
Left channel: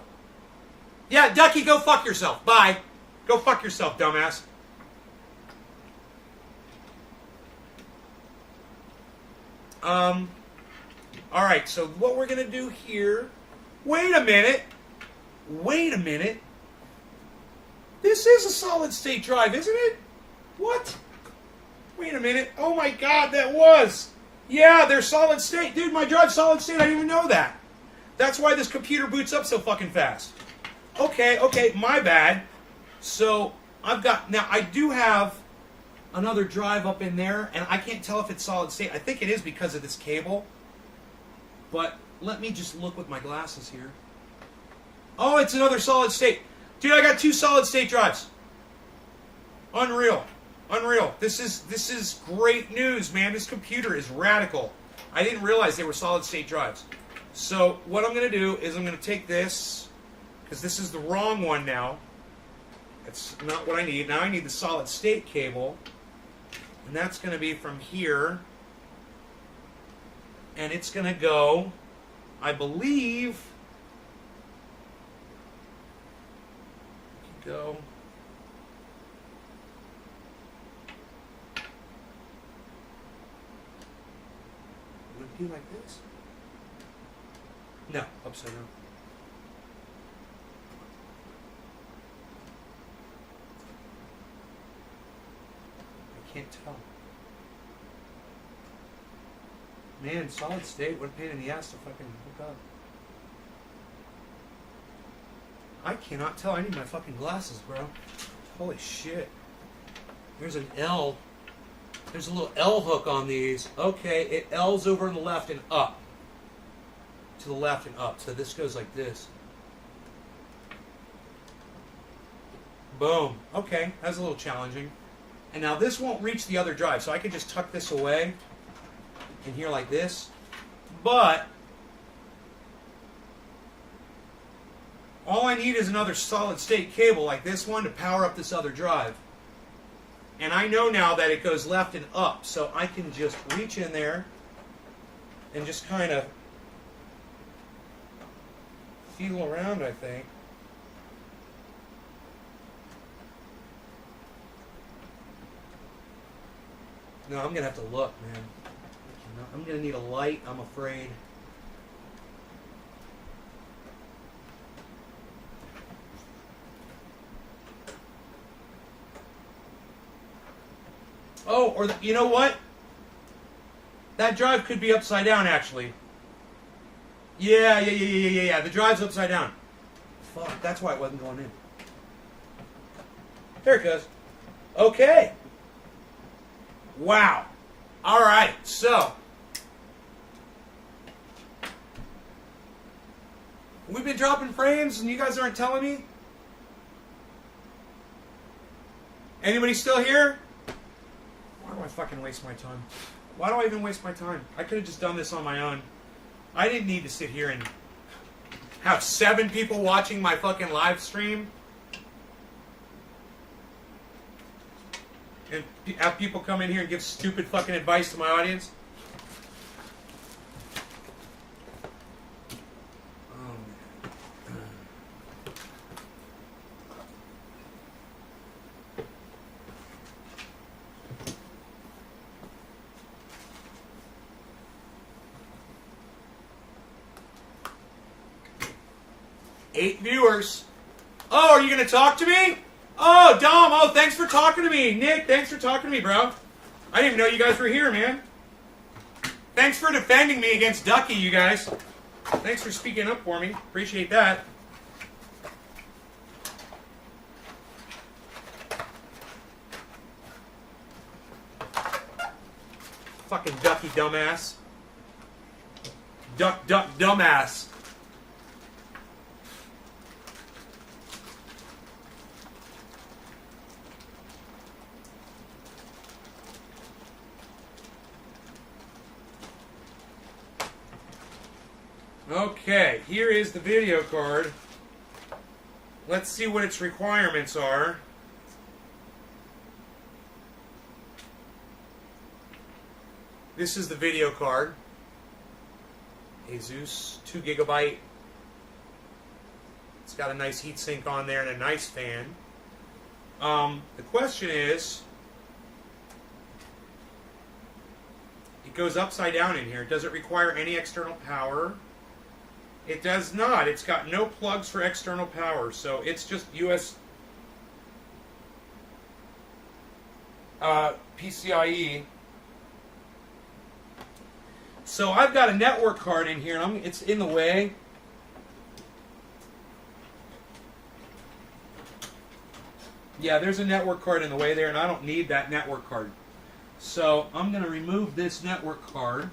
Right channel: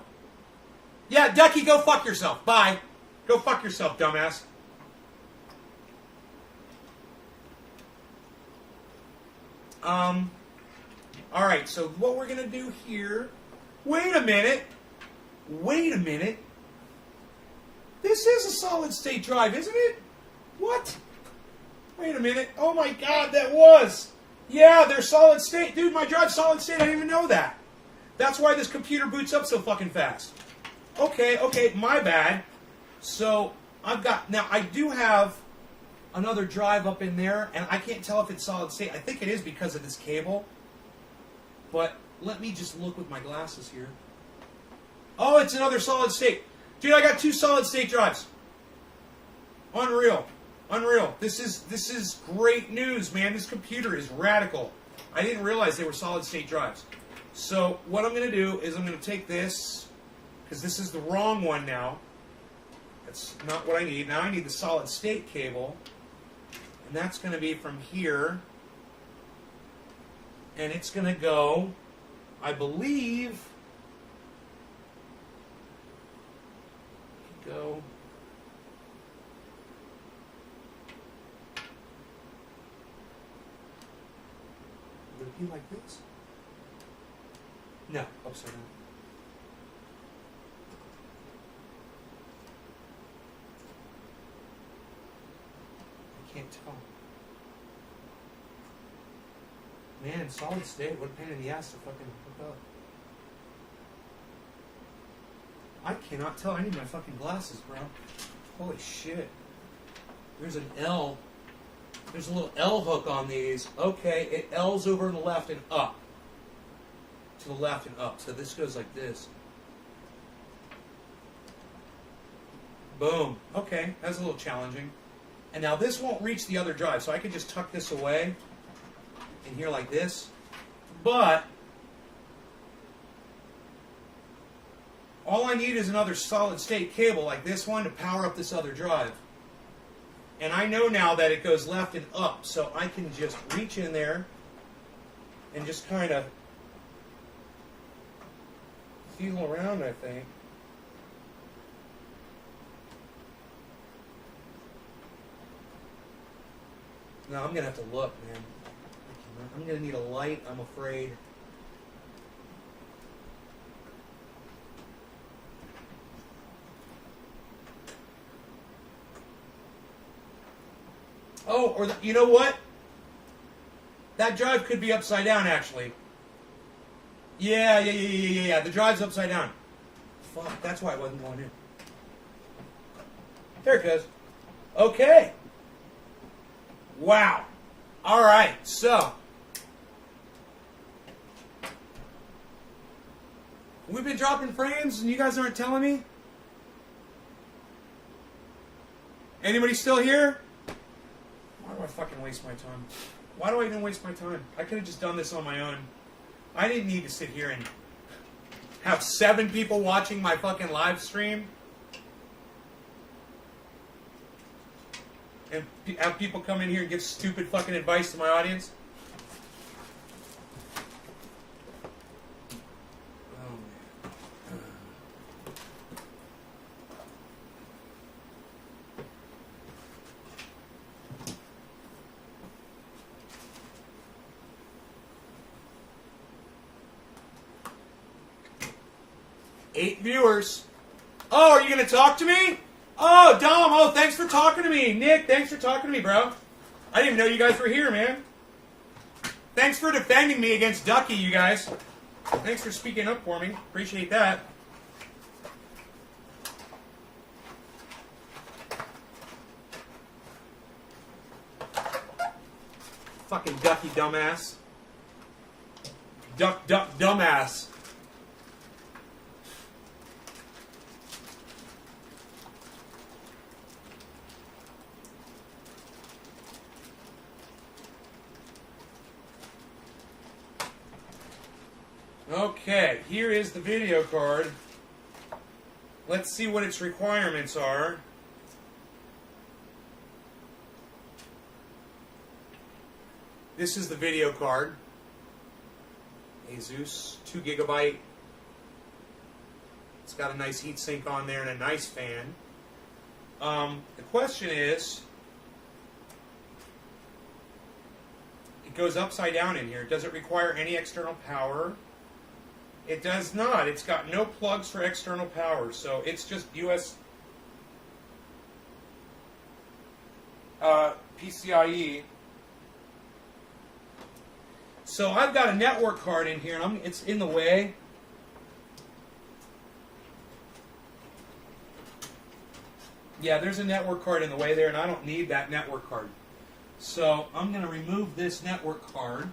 Yeah, Ducky, go fuck yourself. Bye. Go fuck yourself, dumbass. Alright, so what we're going to do here... Wait a minute. This is a solid-state drive, isn't it? What? Wait a minute. Oh my god, that was! Yeah, they're solid-state. Dude, my drive's solid-state. I didn't even know that. That's why this computer boots up so fucking fast. Okay, my bad. So, I've got... Now, I do have another drive up in there, and I can't tell if it's solid-state. I think it is because of this cable. But let me just look with my glasses here. Oh, it's another solid state. Dude, I got two solid state drives. Unreal. This is great news, man. This computer is radical. I didn't realize they were solid state drives. So what I'm going to do is I'm going to take this, because this is the wrong one now. That's not what I need. Now I need the solid state cable. And that's going to be from here. And it's going to go, I believe, go, would it be like this? No, upside down. I can't tell. Man, solid state, what a pain in the ass to fucking hook up. I cannot tell. I need my fucking glasses, bro. Holy shit. There's an L. There's a little L hook on these. Okay, it L's over on the left and up. To the left and up. So this goes like this. Boom. Okay, that's a little challenging. And now this won't reach the other drive, so I can just tuck this away in here like this, but all I need is another solid state cable like this one to power up this other drive. And I know now that it goes left and up, so I can just reach in there and just kind of feel around, I think. No, I'm going to have to look, man. I'm going to need a light, I'm afraid. Oh, or you know what? That drive could be upside down, actually. Yeah. The drive's upside down. Fuck, that's why it wasn't going in. There it goes. Okay. Wow. All right, so we've been dropping frames and you guys aren't telling me? Anybody still here? Why do I fucking waste my time? Why do I even waste my time? I could have just done this on my own. I didn't need to sit here and have 7 people watching my fucking live stream. And have people come in here and give stupid fucking advice to my audience. Oh, man. 8 viewers. Oh, are you going to talk to me? Oh, Dom. Oh, thanks for talking to me. Nick, thanks for talking to me, bro. I didn't even know you guys were here, man. Thanks for defending me against Ducky, you guys. Thanks for speaking up for me. Appreciate that. Fucking Ducky dumbass. Duck dumbass. Okay, here is the video card. Let's see what its requirements are. This is the video card. Asus, 2 GB. It's got a nice heatsink on there and a nice fan. The question is, it goes upside down in here. Does it require any external power? It does not. It's got no plugs for external power, so it's just US PCIe. So I've got a network card in here. It's in the way. Yeah, there's a network card in the way there, and I don't need that network card. So I'm going to remove this network card.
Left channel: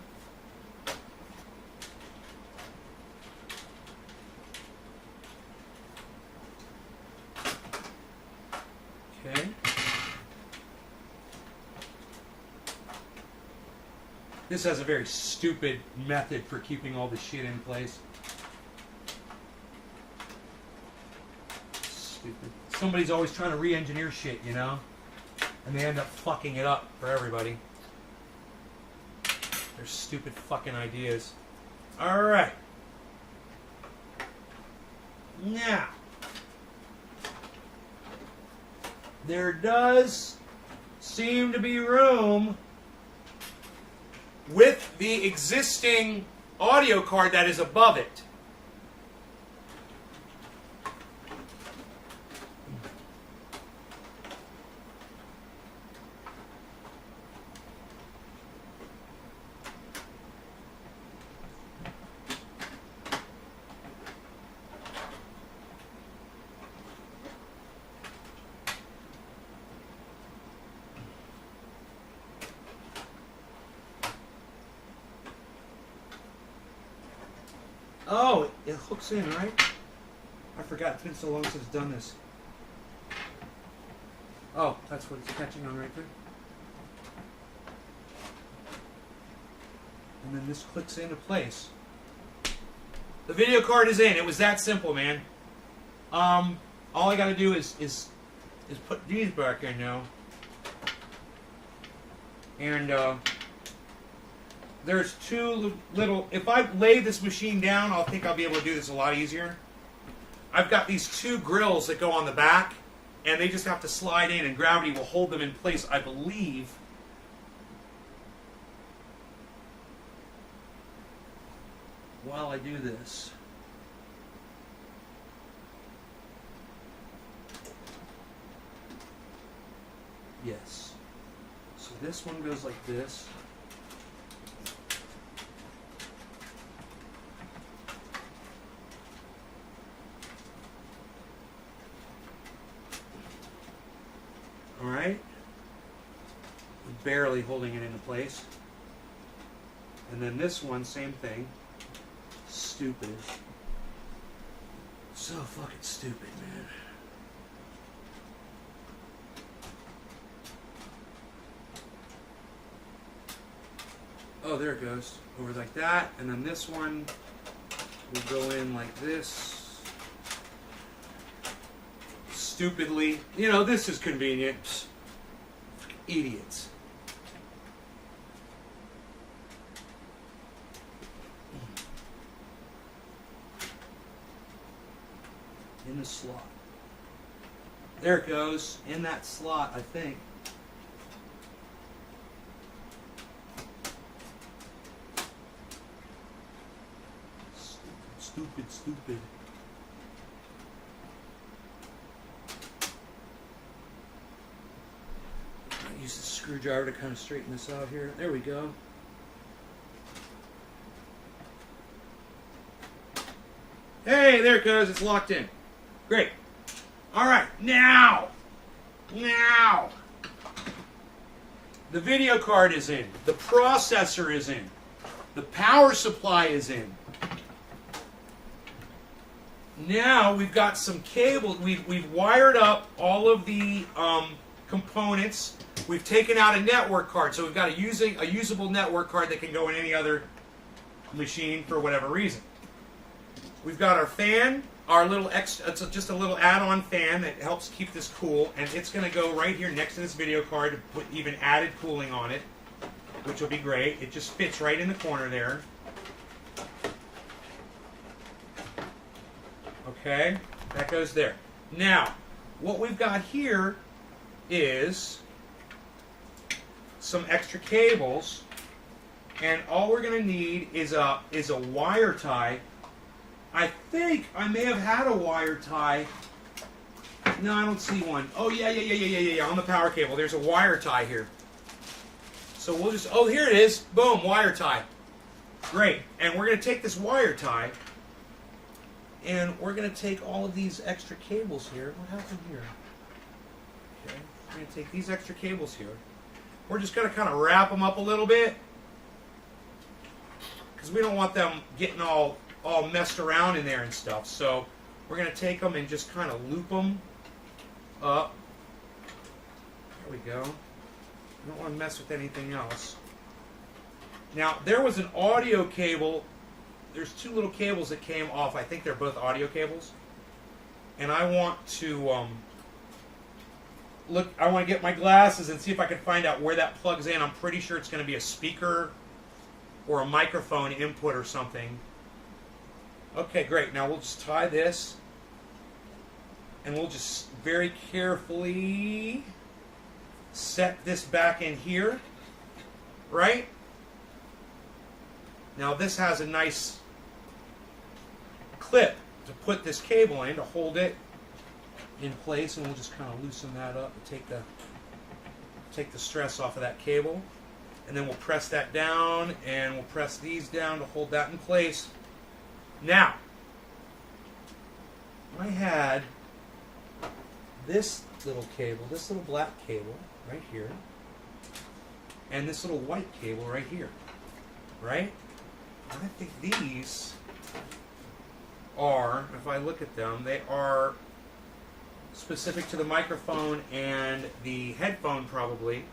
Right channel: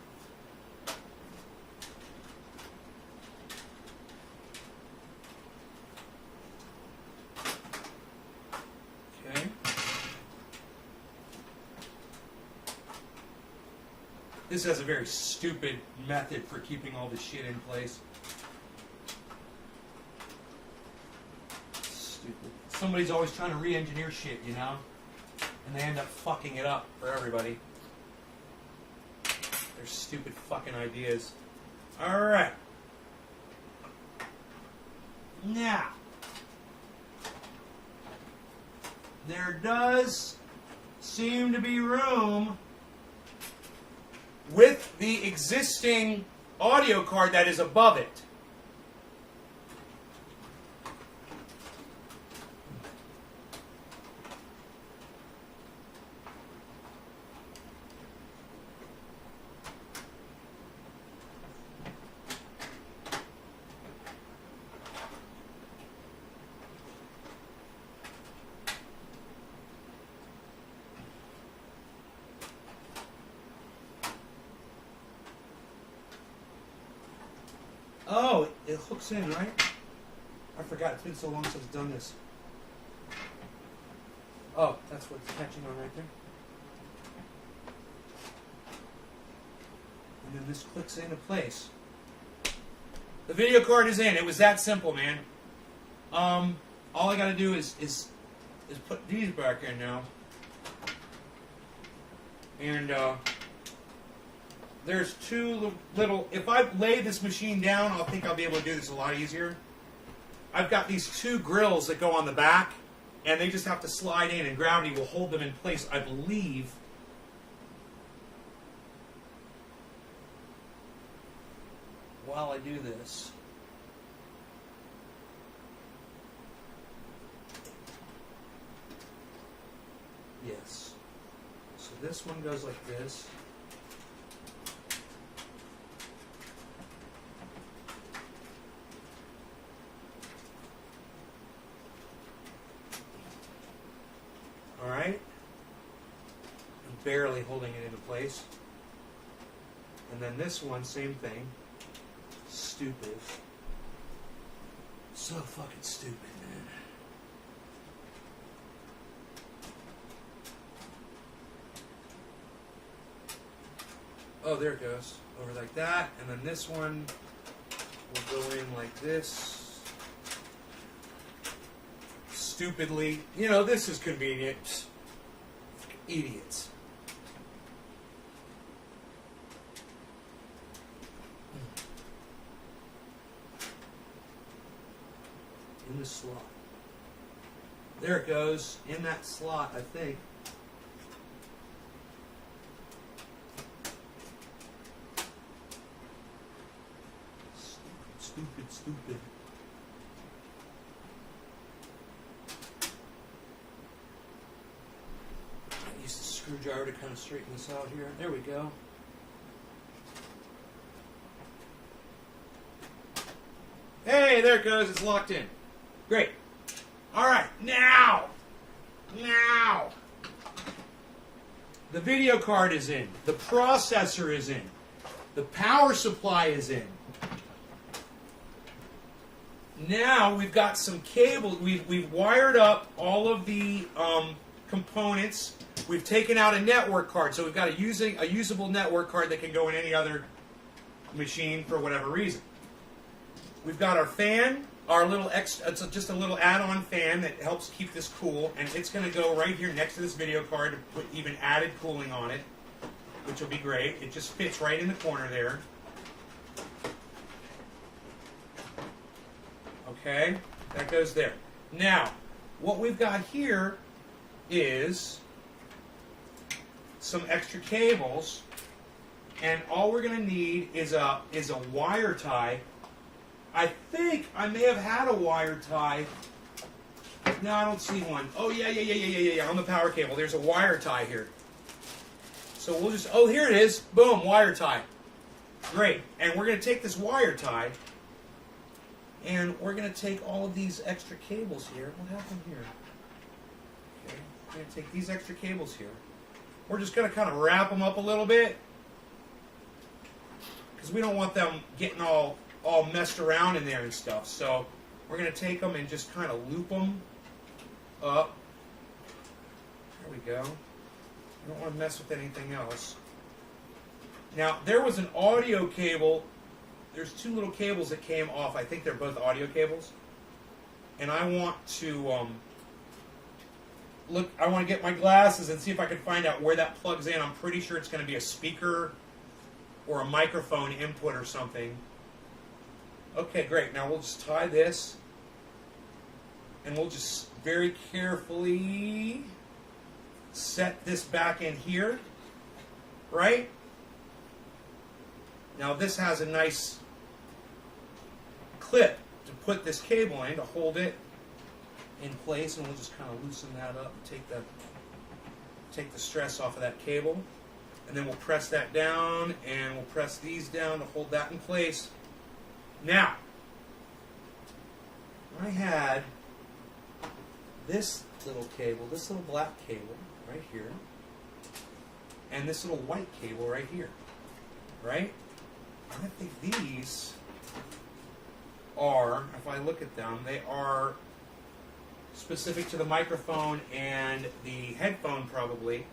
This has a very stupid method for keeping all the shit in place. Stupid. Somebody's always trying to re-engineer shit, you know? And they end up fucking it up for everybody. Their stupid fucking ideas. Alright. Now. There does seem to be room with the existing audio card that is above it. Oh, it hooks in, right? I forgot. It's been so long since I've done this. Oh, that's what it's catching on right there. And then this clicks into place. The video card is in. It was that simple, man. All I gotta do is put these back in now. And there's 2 little, if I lay this machine down, I'll think I'll be able to do this a lot easier. I've got these 2 grills that go on the back, and they just have to slide in, and gravity will hold them in place, I believe. While I do this. Yes. So this one goes like this. All right. I'm barely holding it into place. And then this one, same thing. Stupid. So fucking stupid, man. Oh, there it goes. Over like that. And then this one will go in like this. Stupidly. You know, this is convenient. Psst. Idiots. In the slot. There it goes. In that slot, I think. Stupid. I use the screwdriver to kind of straighten this out here. There we go. Hey, there it goes. It's locked in. Great. All right, now. The video card is in. The processor is in. The power supply is in. Now we've got some cable. We've wired up all of the components. We've taken out a network card, so we've got a usable network card that can go in any other machine for whatever reason. We've got our fan, our little extra. It's just a little add-on fan that helps keep this cool, and it's going to go right here next to this video card to put even added cooling on it, which will be great. It just fits right in the corner there. Okay, that goes there. Now, what we've got here is some extra cables, and all we're going to need is a wire tie. I think I may have had a wire tie. No, I don't see one. Oh, yeah. On the power cable, there's a wire tie here. So we'll just, oh, here it is. Boom, wire tie. Great. And we're going to take this wire tie, and we're going to take all of these extra cables here. What happened here? Okay. We're going to take these extra cables here. We're just going to kind of wrap them up a little bit, because we don't want them getting all messed around in there and stuff. So we're going to take them and just kind of loop them up. There we go. We don't want to mess with anything else. Now, there was an audio cable. There's two little cables that came off. I think they're both audio cables. And I want to look. I want to get my glasses and see if I can find out where that plugs in. I'm pretty sure it's going to be a speaker or a microphone input or something. Okay, great. Now we'll just tie this, and we'll just very carefully set this back in here, right? Now this has a nice clip to put this cable in to hold it in place, and we'll just kind of loosen that up and take the stress off of that cable, and then we'll press that down, and we'll press these down to hold that in place. Now, I had this little cable, this little black cable right here, and this little white cable right here, right? And I think these are, if I look at them, they are specific to the microphone and the headphone probably.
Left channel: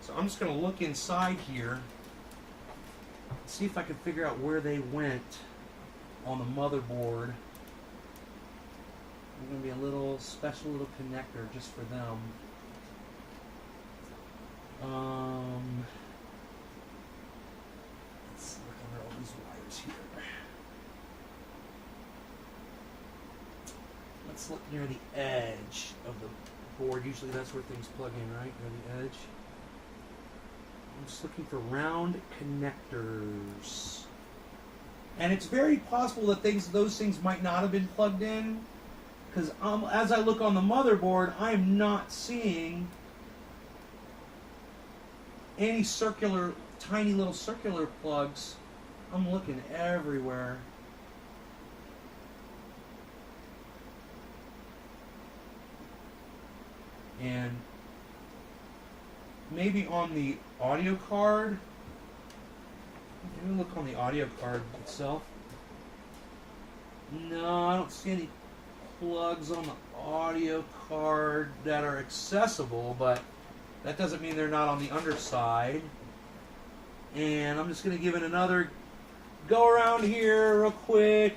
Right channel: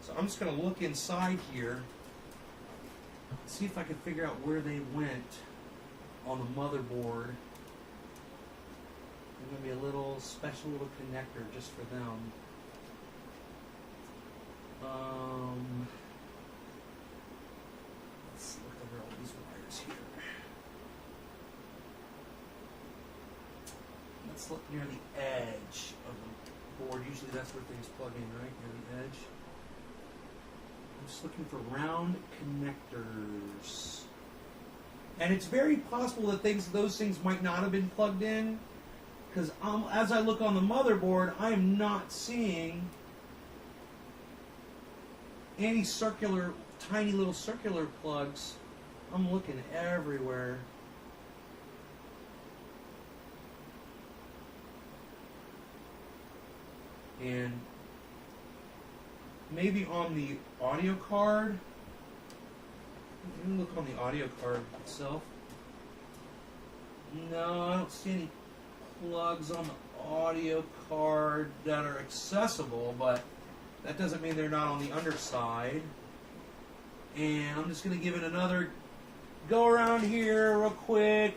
So I'm just going to look inside here, see if I can figure out where they went on the motherboard. There's going to be a little special little connector just for them. Let's look over all these wires here. Let's look near the edge of the board. Usually that's where things plug in, right? Near the edge. I'm just looking for round connectors. And it's very possible that those things might not have been plugged in, because as I look on the motherboard, I'm not seeing any circular, tiny little circular plugs. I'm looking everywhere. And maybe on the audio card. Let me look on the audio card itself. No, I don't see any plugs on the audio card that are accessible, but that doesn't mean they're not on the underside. And I'm just going to give it another go around here real quick.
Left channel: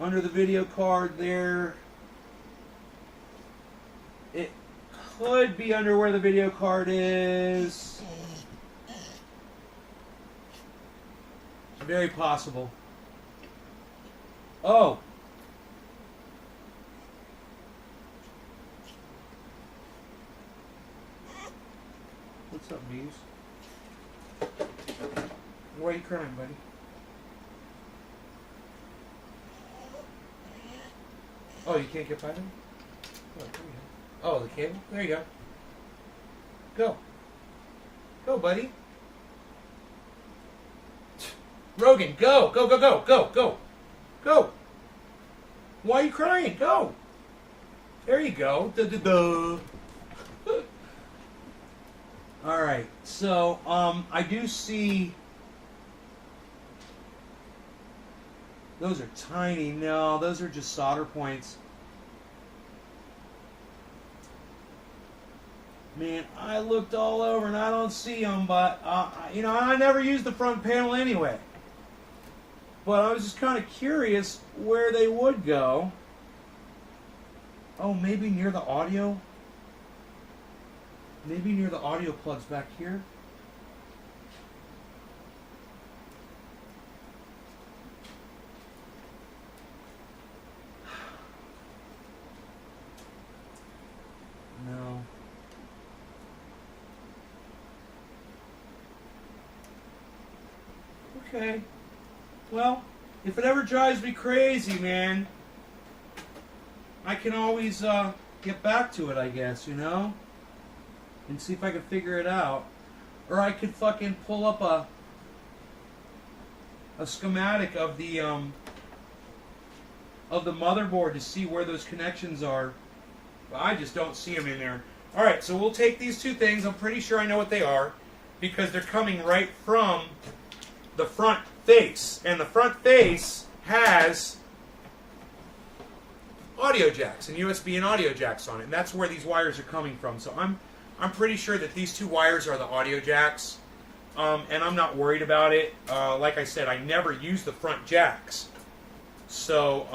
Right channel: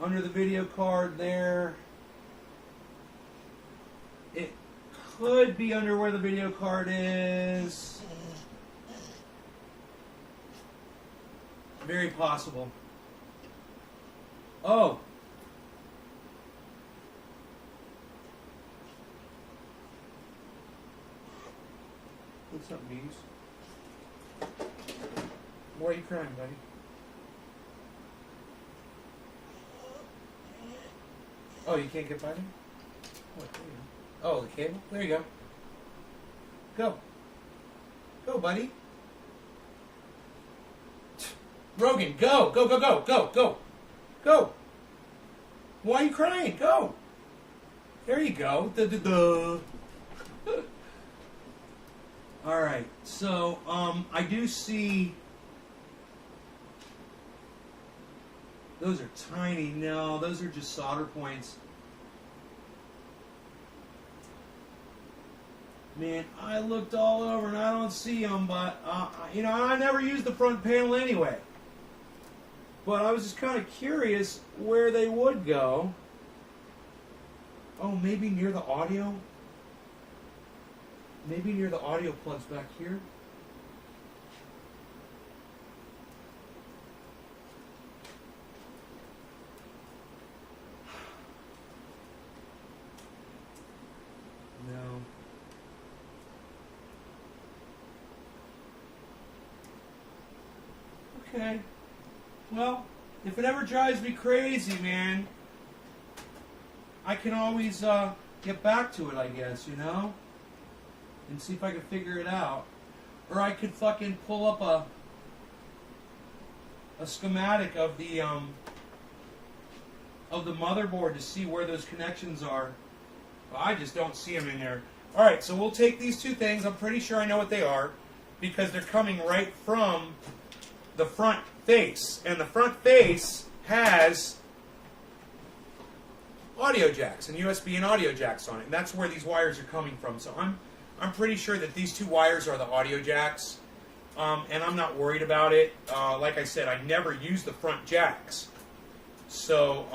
Under the video card there. It could be under where the video card is. Very possible. Oh. What's up, bees? Why are you crying, buddy? Oh, you can't get by there? Oh, the cable? There you go. Go. Go, buddy. Rogan, go, go, go, go, go, go, go. Why are you crying? Go. There you go. Duh, duh, duh. All right. So, I do see those are tiny. No, those are just solder points. Man, I looked all over and I don't see them, but you know, I never used the front panel anyway. But I was just kind of curious where they would go. Oh, maybe near the audio? Maybe near the audio plugs back here? No. Okay. Well, if it ever drives me crazy, man, I can always get back to it, I guess, you know? And see if I can figure it out. Or I could fucking pull up a schematic of the motherboard to see where those connections are. But I just don't see them in there. Alright, so we'll take these two things. I'm pretty sure I know what they are, because they're coming right from the front face, and the front face has audio jacks and USB and audio jacks on it, and that's where these wires are coming from. So I'm pretty sure that these two wires are the audio jacks, and I'm not worried about it. Like I said, I never use the front jacks, so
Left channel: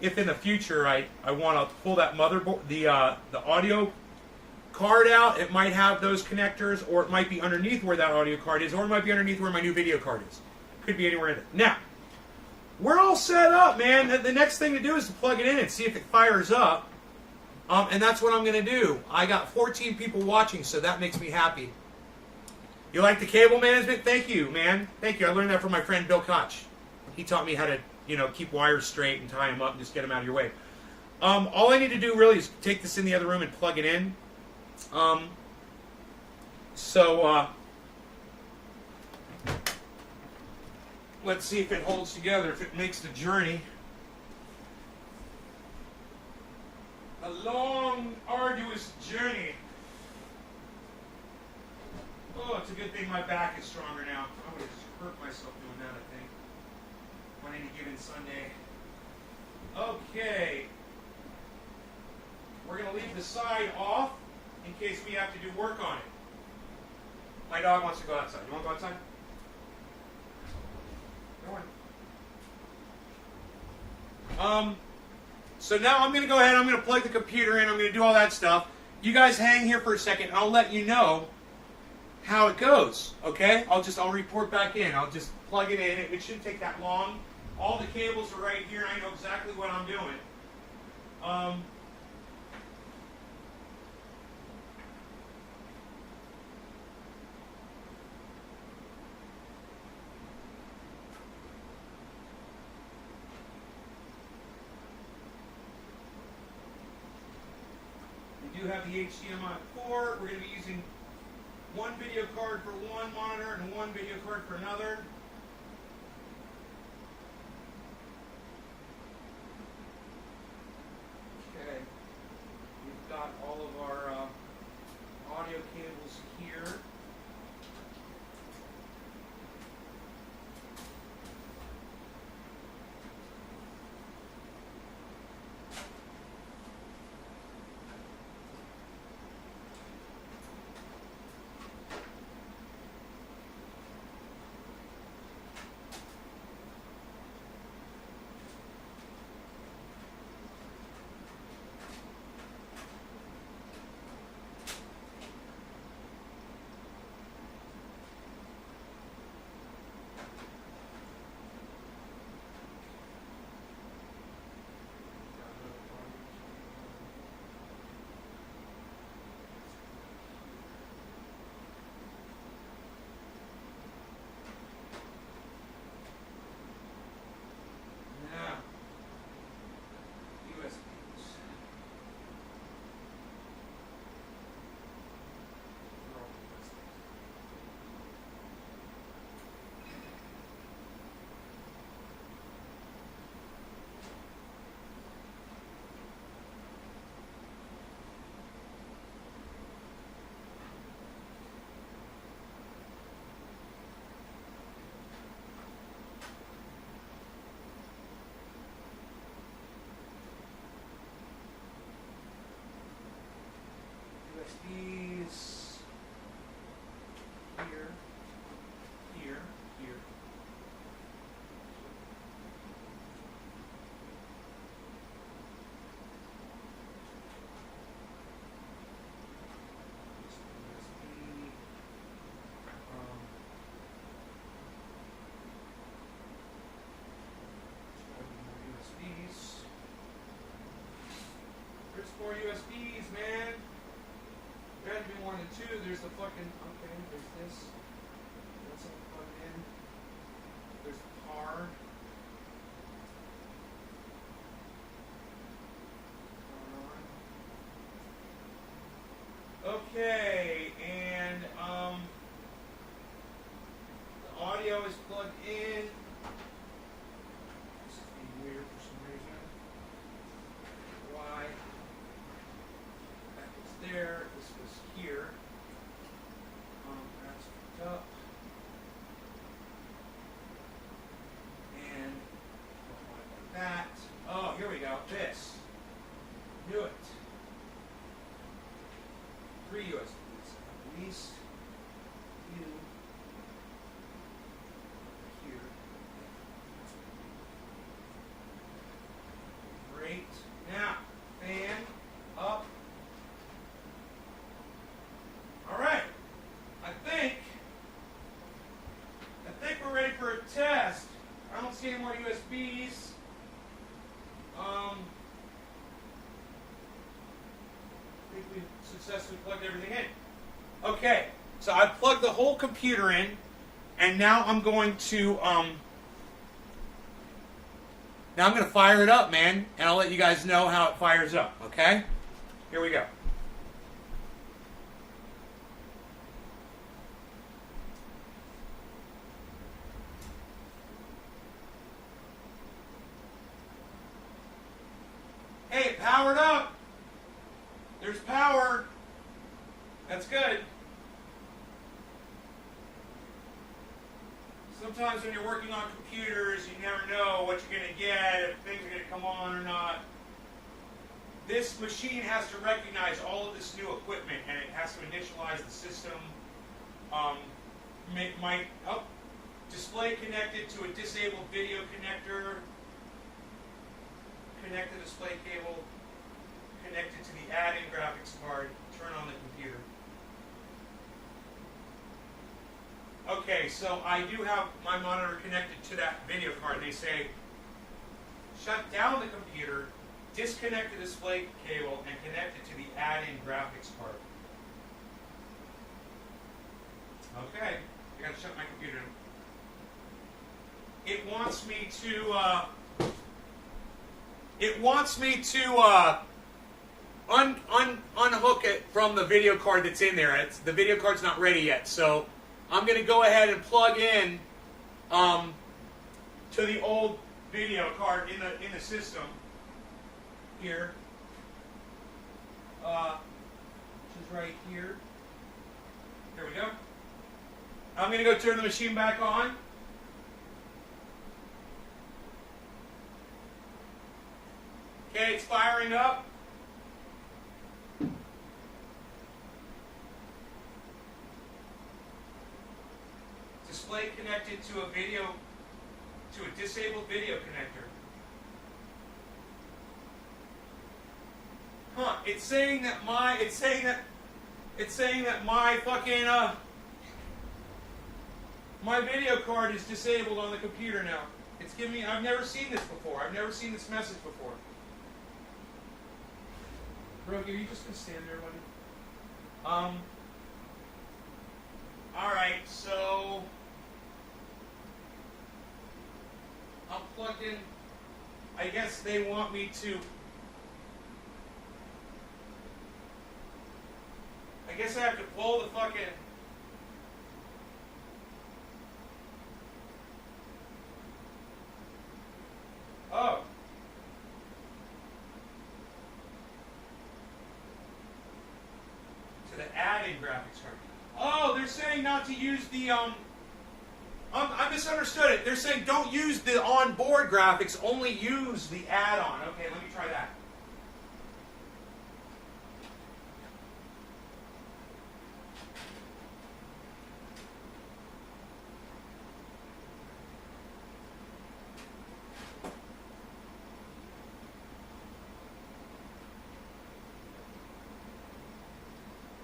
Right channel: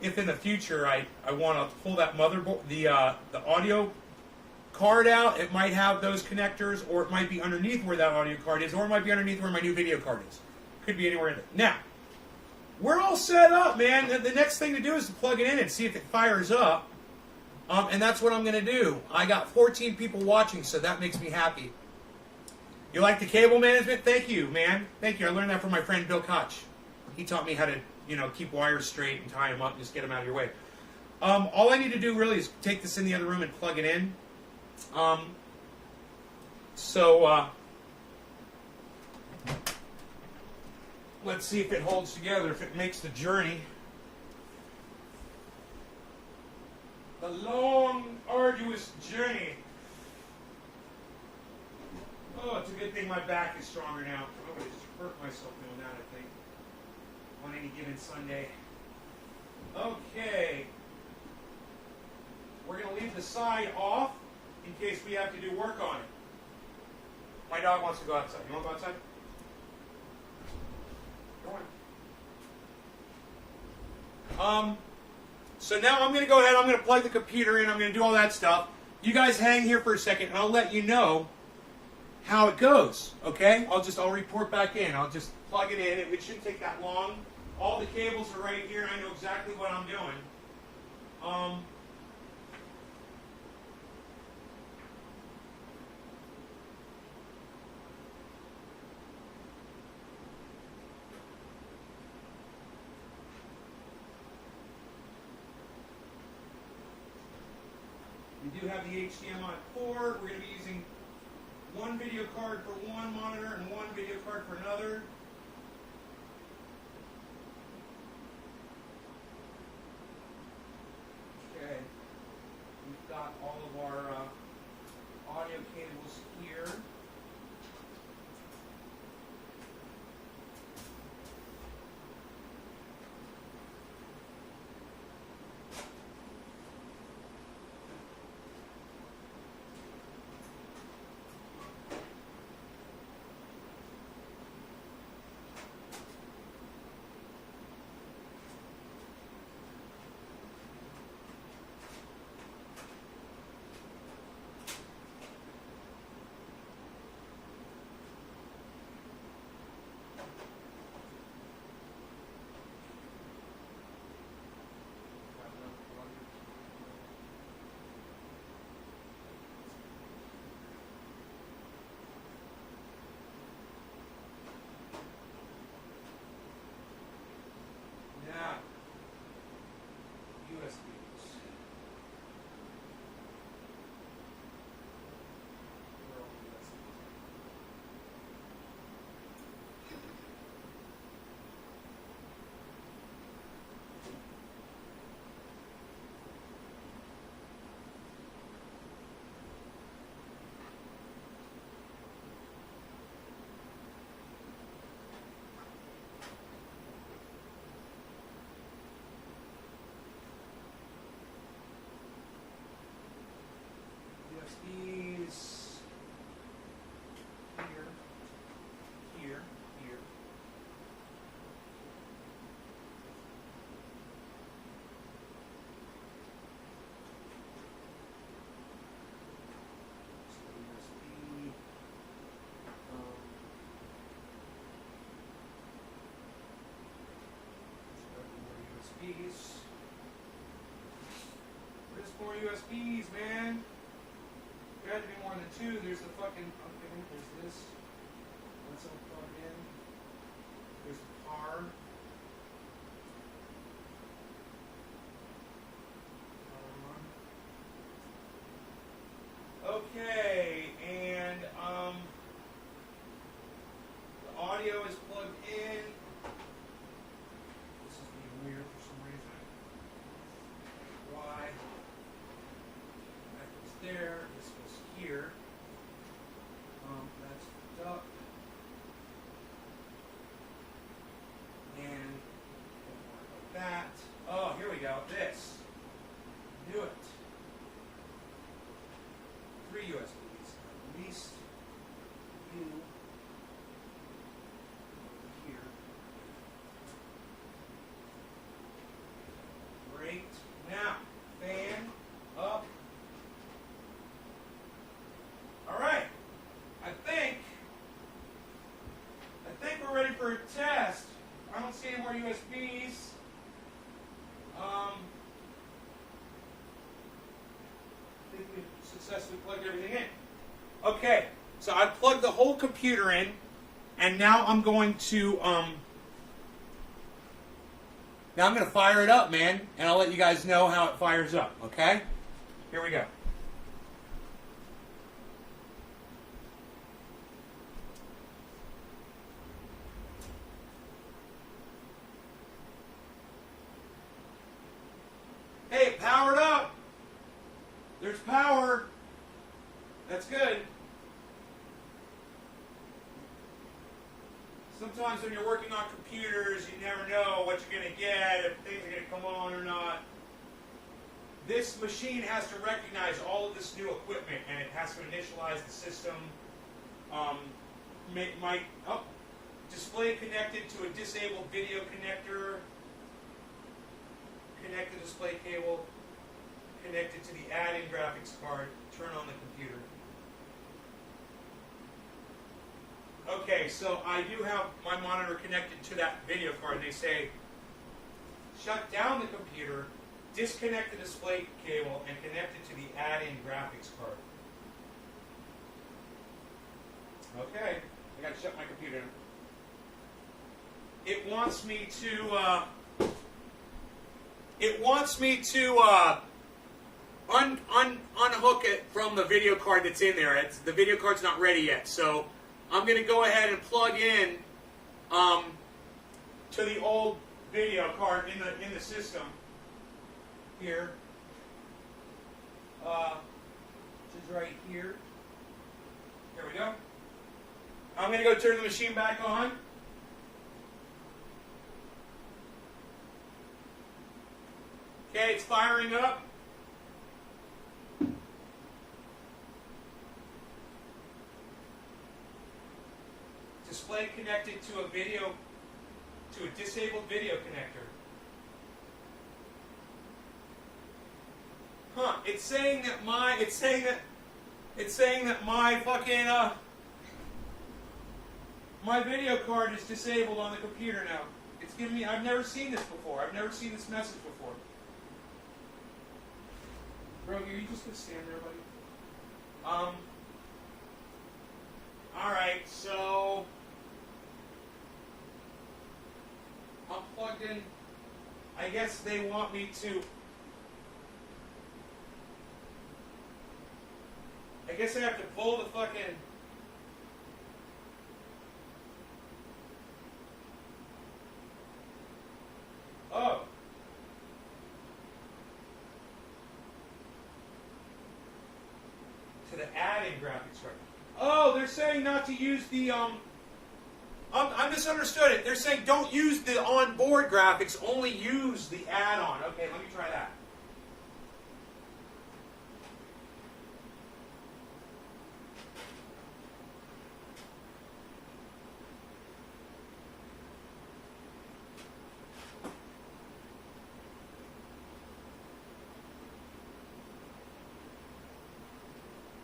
if in the future I want to pull that motherboard, the audio card out, it might have those connectors, or it might be underneath where that audio card is, or it might be underneath where my new video card is. Could be anywhere in it. Now, we're all set up, man. The next thing to do is to plug it in and see if it fires up. And that's what I'm going to do. I got 14 people watching, so that makes me happy. You like the cable management? Thank you, man. Thank you. I learned that from my friend Bill Koch. He taught me how to, you know, keep wires straight and tie them up and just get them out of your way. All I need to do really is take this in the other room and plug it in. Let's see if it holds together, if it makes the journey. A long, arduous journey. Oh, it's a good thing my back is stronger now. I would have just hurt myself doing that, I think, on any given Sunday. Okay. We're going to leave the side off in case we have to do work on it. My dog wants to go outside. You want to go outside? So now I'm going to go ahead, I'm going to plug the computer in, I'm going to do all that stuff. You guys hang here for a second, and I'll let you know how it goes, okay? I'll report back in. I'll just plug it in. It shouldn't take that long. All the cables are right here, and I know exactly what I'm doing. We do have the HDMI port. We're going to be using one video card for one monitor and one video card for another. Okay. We've got all of our audio cables here. USBs here, here, here. USBs. Where's more USBs, man? There had to be more than two. There's the fucking, okay, there's this. That's all plugged in. There's the car. Okay, and the audio is plugged in. This is being weird for some reason. Why? That was there. This was here. That's hooked up. And like that. Oh, here we go. This. Do it. 3 USBs. At least two here. Great. Now, fan up. All right. I think we're ready for a test. I don't see any more USBs. I think we successfully plugged everything in. Okay, so I plugged the whole computer in, and now I'm going to fire it up, man, and I'll let you guys know how it fires up. Okay, here we go. Hey, it powered up. There's power. That's good. Sometimes when you're working on computers, you never know what you're going to get, if things are going to come on or not. This machine has to recognize all of this new equipment, and it has to initialize the system. Display connected to a disabled video connector. Connect the display cable. Connected to the add-in graphics card. Turn on the computer. Okay, so I do have my monitor connected to that video card. They say, shut down the computer, disconnect the display cable, and connect it to the add-in graphics card. Okay, I gotta shut my computer. It wants me to unhook it from the video card that's in there. The video card's not ready yet, so I'm going to go ahead and plug in to the old video card in the system here, which is right here. There we go. I'm going to go turn the machine back on. Okay, it's firing up. Display connected to a disabled video connector. Huh, it's saying that my fucking my video card is disabled on the computer now. It's giving me, I've never seen this before. I've never seen this message before. Rogi, are you just gonna stand there, buddy? Alright, so I'm plugged in. I guess they want me to. I guess I have to pull the fucking. Oh. To the add-in graphics card. Oh, they're saying not to use the I misunderstood it. They're saying don't use the onboard graphics, only use the add-on. Okay, let me try that.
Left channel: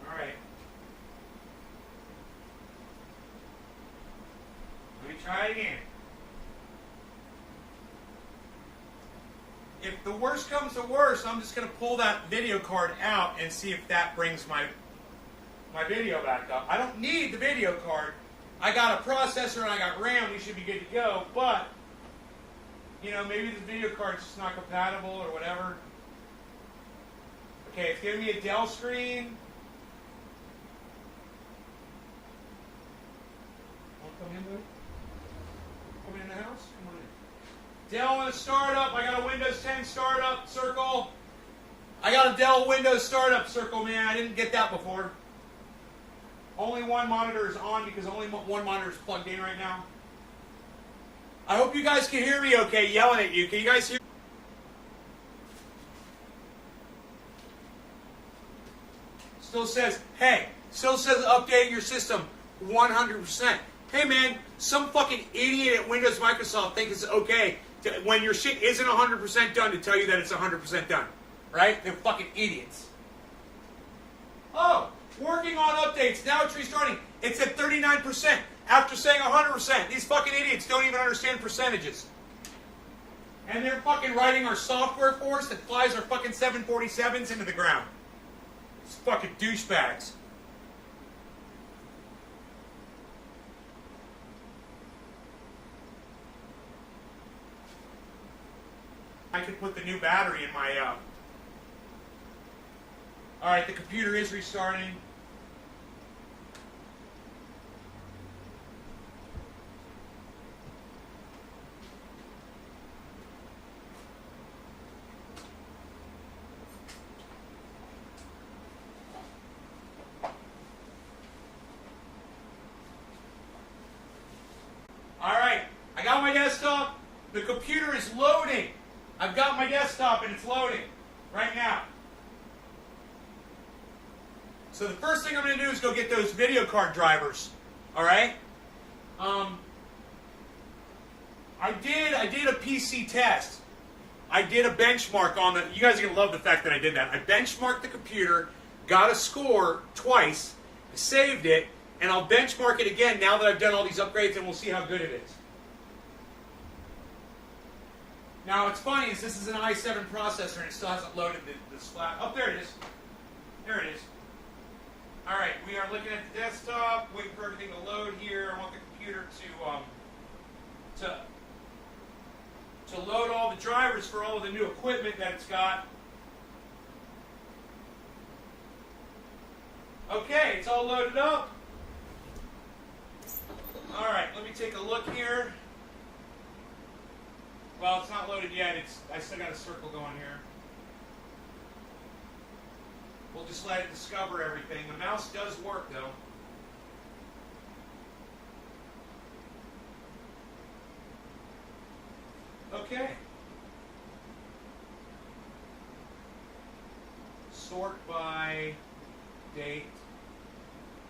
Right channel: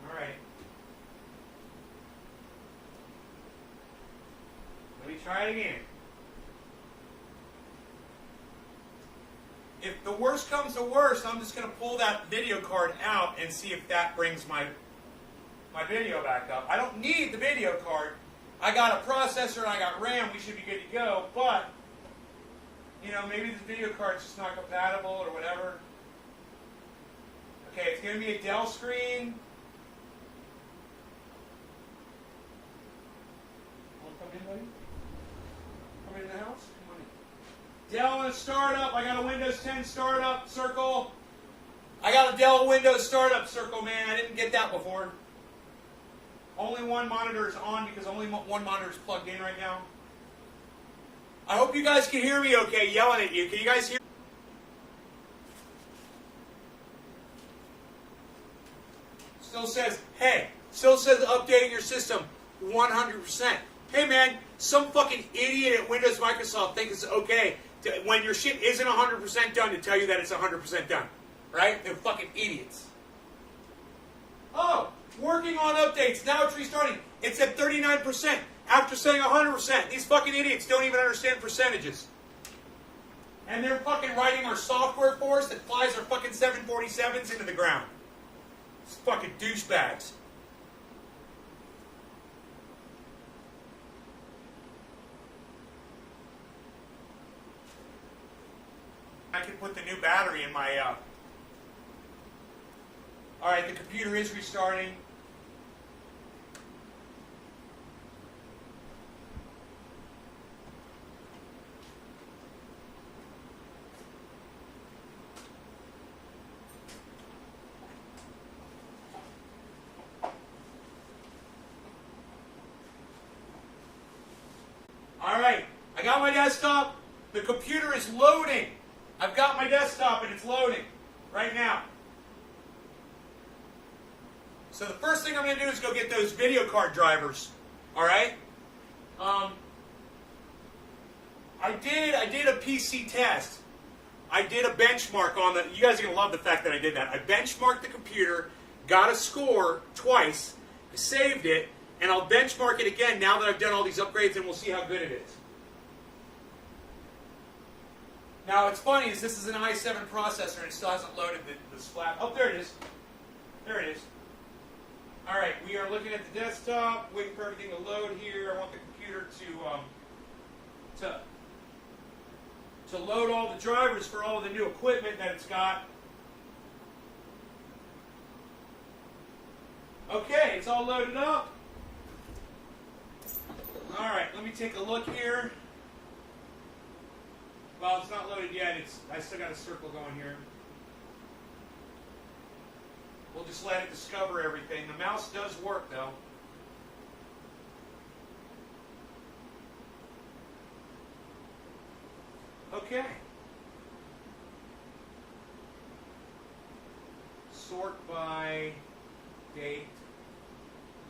All right. Try it again. If the worst comes to worst, I'm just going to pull that video card out and see if that brings my video back up. I don't need the video card. I got a processor and I got RAM. We should be good to go. But, you know, maybe the video card's just not compatible or whatever. Okay, it's giving me a Dell screen. Want to come in, buddy? In the house? Come on in. Dell startup. I got a Windows 10 startup circle. I got a Dell Windows startup circle, man. I didn't get that before. Only one monitor is on because only one monitor is plugged in right now. I hope you guys can hear me okay, yelling at you. Can you guys hear? Still says, hey, still says updating your system 100%. Hey man, some fucking idiot at Windows Microsoft thinks it's okay to, when your shit isn't 100% done, to tell you that it's 100% done. Right? They're fucking idiots. Oh, working on updates. Now it's restarting. It's at 39% after saying 100%. These fucking idiots don't even understand percentages. And they're fucking writing our software for us that flies our fucking 747s into the ground. It's fucking douchebags. I could put the new battery in my, Alright, the computer is restarting. Alright, I got my desktop. The computer is loading. I've got my desktop and it's loading right now. So the first thing I'm going to do is go get those video card drivers. All right. I did a PC test. I did a benchmark on the. You guys are going to love the fact that I did that. I benchmarked the computer, got a score twice, saved it, and I'll benchmark it again now that I've done all these upgrades, and we'll see how good it is. Now, what's funny is this is an i7 processor and it still hasn't loaded the splat. Oh, there it is. There it is. All right, we are looking at the desktop, waiting for everything to load here. I want the computer to load all the drivers for all the new equipment that it's got. Okay, it's all loaded up. All right, let me take a look here. Well, it's not loaded yet. I still got a circle going here. We'll just let it discover everything. The mouse does work, though. Okay. Sort by date.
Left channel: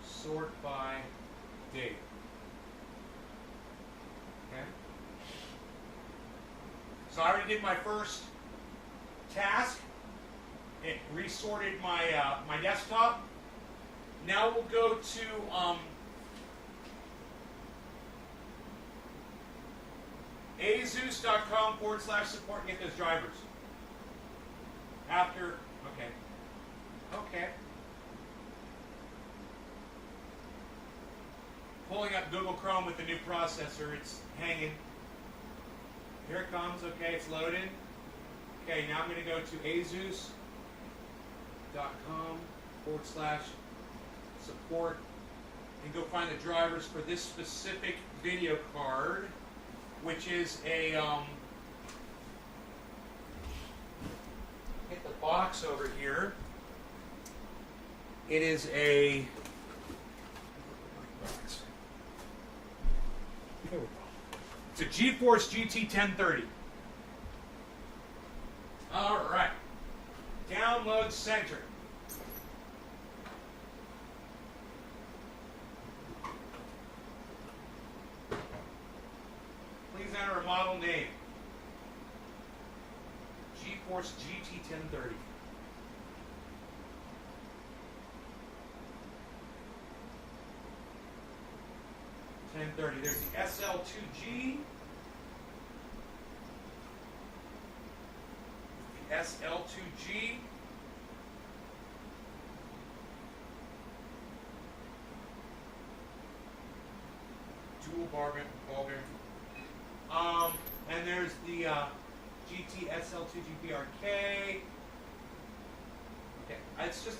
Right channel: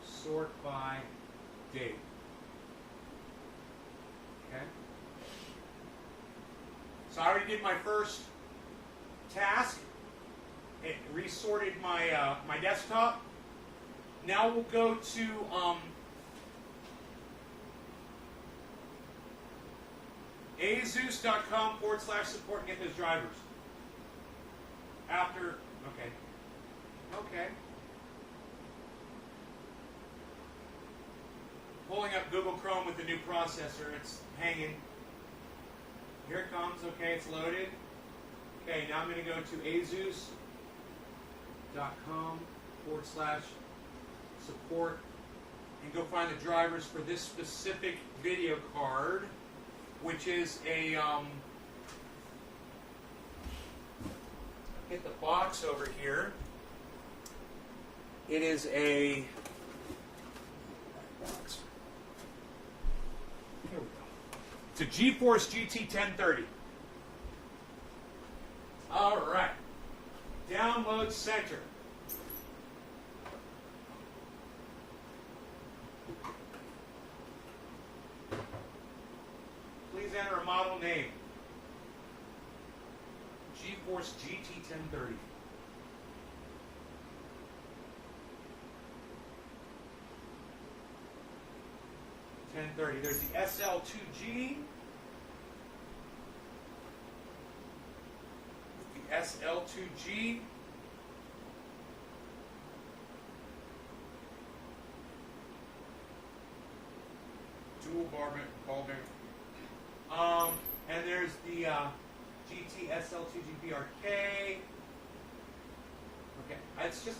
Sort by date. Okay. So I already did my first task. It resorted my my desktop. Now we'll go to azeus.com/support and get those drivers. After, okay. Okay. Pulling up Google Chrome with the new processor. It's hanging. Here it comes. Okay, it's loaded. Okay, now I'm going to go to azeus.com/support and go find the drivers for this specific video card, which is a hit the box over here. It is a box. Here we go. It's a GeForce GT 1030. All right. Download center. Please enter a model name. GeForce GT 1030. There's the SL2G. The SL2G. Dual ball bearing. And there's the GT SL2G BRK. Okay, it's just a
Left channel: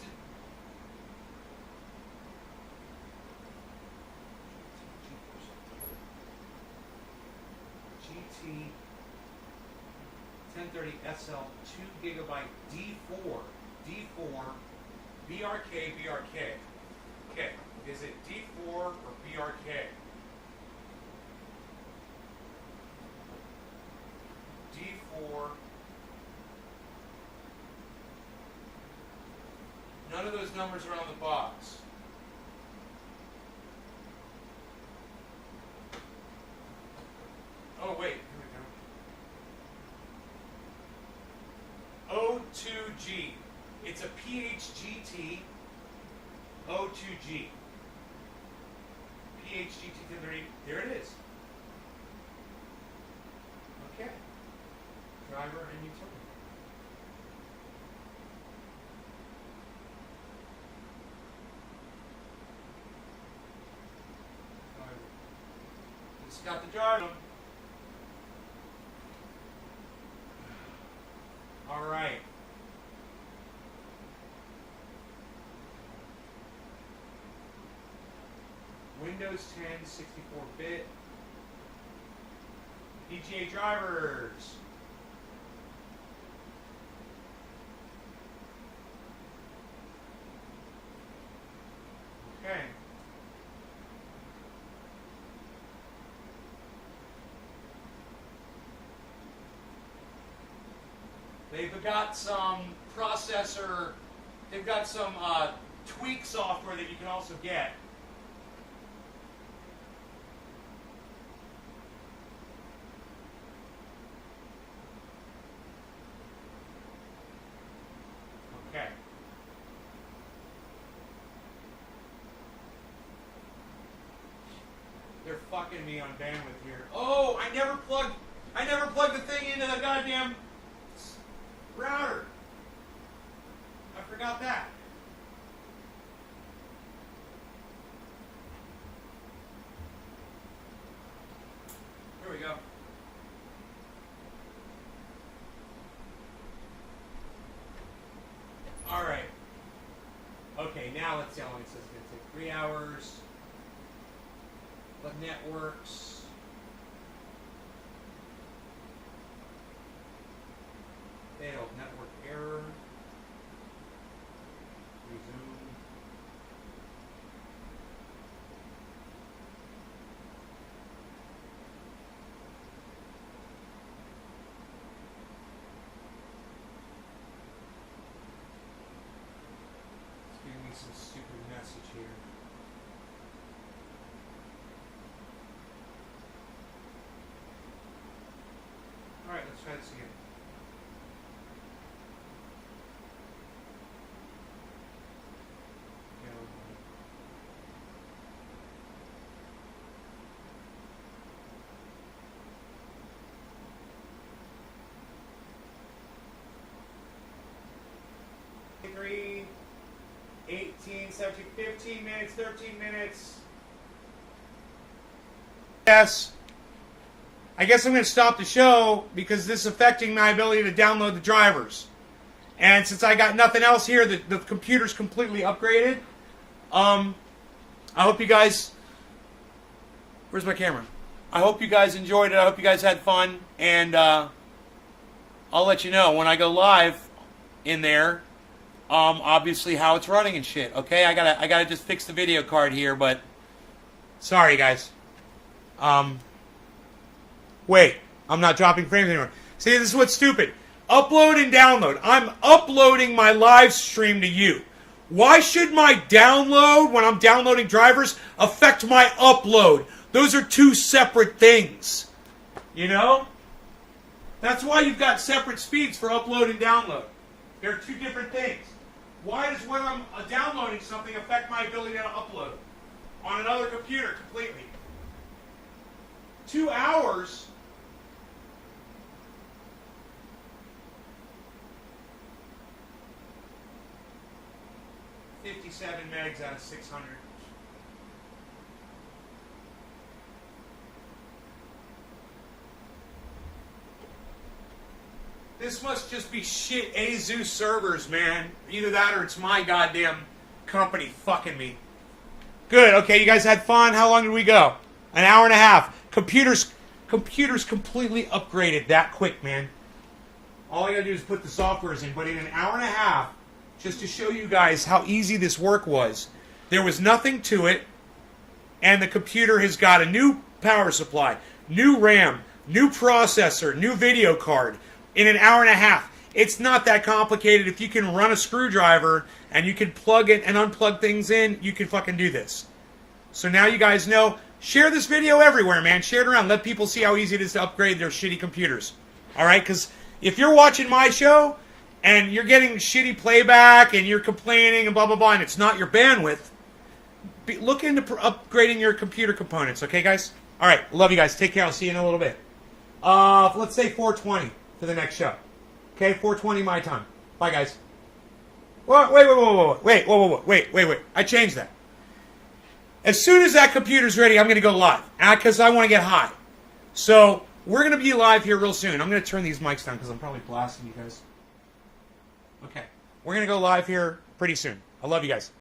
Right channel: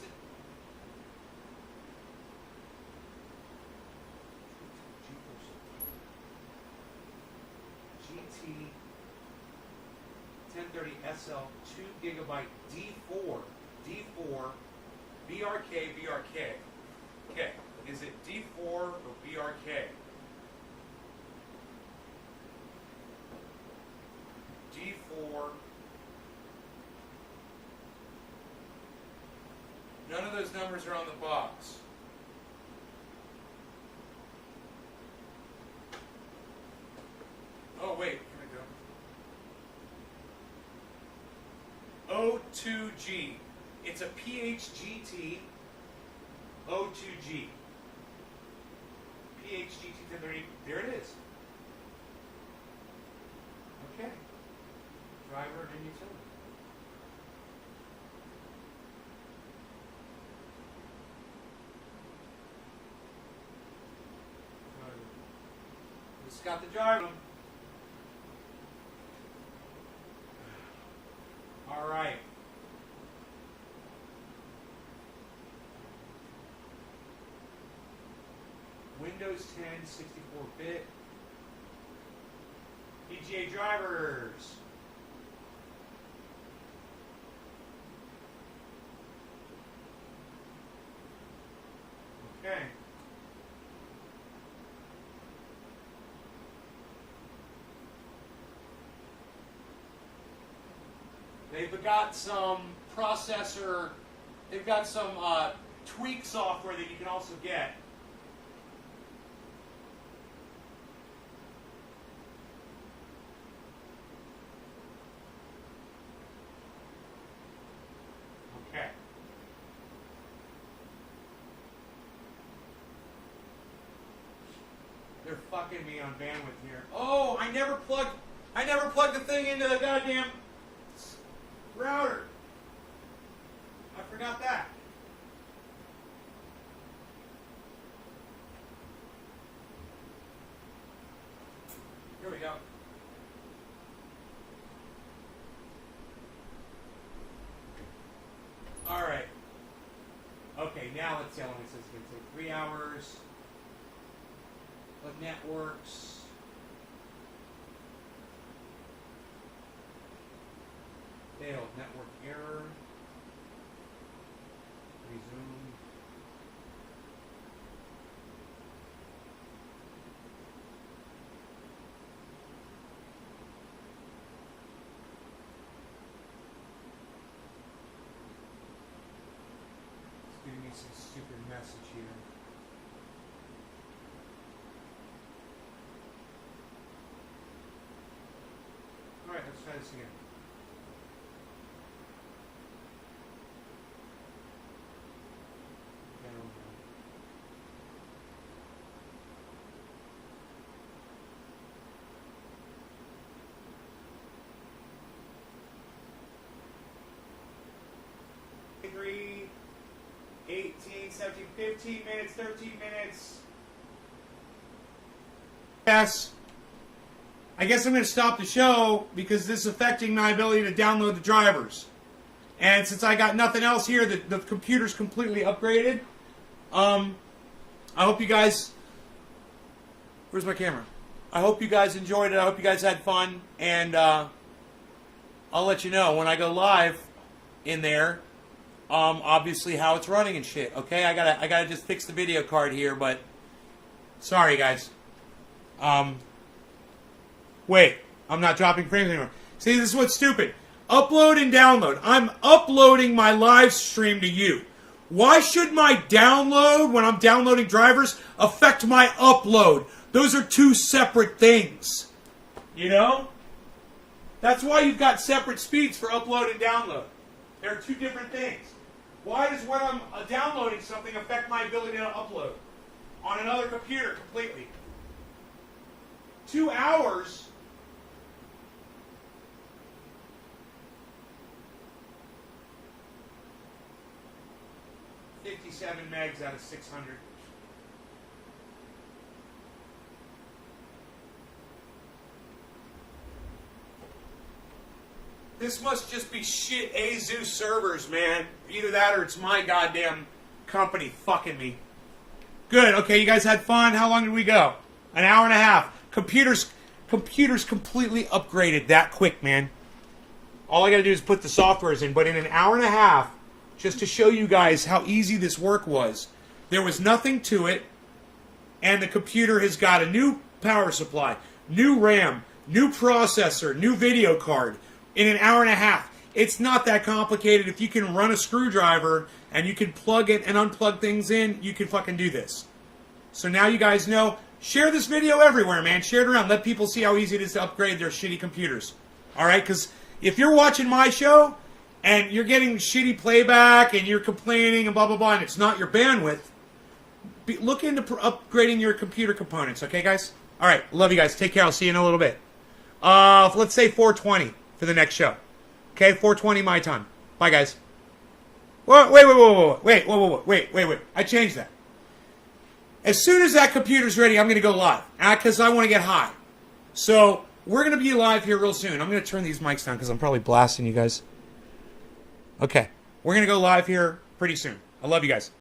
GT 1030 SL 2 gigabyte D4 BRK. Okay, is it D4 or BRK? D4. None of those numbers are on the box. Oh, wait. Here we go. O2G. It's a PHGT O2G. PHGT 1030. There it is. Okay. Driver and utility. It's got the jar. All right. Windows 10 64-bit. PGA drivers. Okay. They've got some processor, they've got some tweak software that you can also get. Okay. They're fucking me on bandwidth here. Oh, I never plugged the thing into the goddamn router. I forgot that. Here we go. All right. Okay, now let's see how long it's 17, 15 minutes, 13 minutes. Yes. I guess I'm going to stop the show because this is affecting my ability to download the drivers. And since I got nothing else here, the computer's completely upgraded. I hope you guys... Where's my camera? I hope you guys enjoyed it. I hope you guys had fun. And I'll let you know when I go live in there, obviously how it's running and shit. Okay, I gotta just fix the video card here, but sorry guys. Wait, I'm not dropping frames anymore. See, this is what's stupid. Upload and download. I'm uploading my live stream to you. Why should my download, when I'm downloading drivers, affect my upload? Those are two separate things. You know? That's why you've got separate speeds for upload and download. They're two different things. Why does when I'm downloading something affect my ability to upload on another computer completely? 2 hours... 57 megs out of 600. This must just be shit ASUS servers, man. Either that or it's my goddamn company fucking me. Good, okay, you guys had fun. How long did we go? An hour and a half. Computers completely upgraded that quick, man. All I gotta do is put the softwares in, but in an hour and a half, just to show you guys how easy this work was. There was nothing to it, and the computer has got a new power supply, new RAM, new processor, new video card in an hour and a half. It's not that complicated. If you can run a screwdriver and you can plug it and unplug things in, you can fucking do this. So now you guys know. Share this video everywhere, man. Share it around. Let people see how easy it is to upgrade their shitty computers. All right? Because if you're watching my show and you're getting shitty playback and you're complaining and blah, blah, blah, and it's not your bandwidth, look into upgrading your computer components. Okay, guys? All right. Love you guys. Take care. I'll see you in a little bit. Let's say 4:20 for the next show. Okay? 4:20 my time. Bye, guys. Wait. I changed that. As soon as that computer's ready, I'm going to go live. Because I want to get high. So, we're going to be live here real soon. I'm going to turn these mics down because I'm probably blasting you guys. Okay. We're going to go live here pretty soon. I love you guys.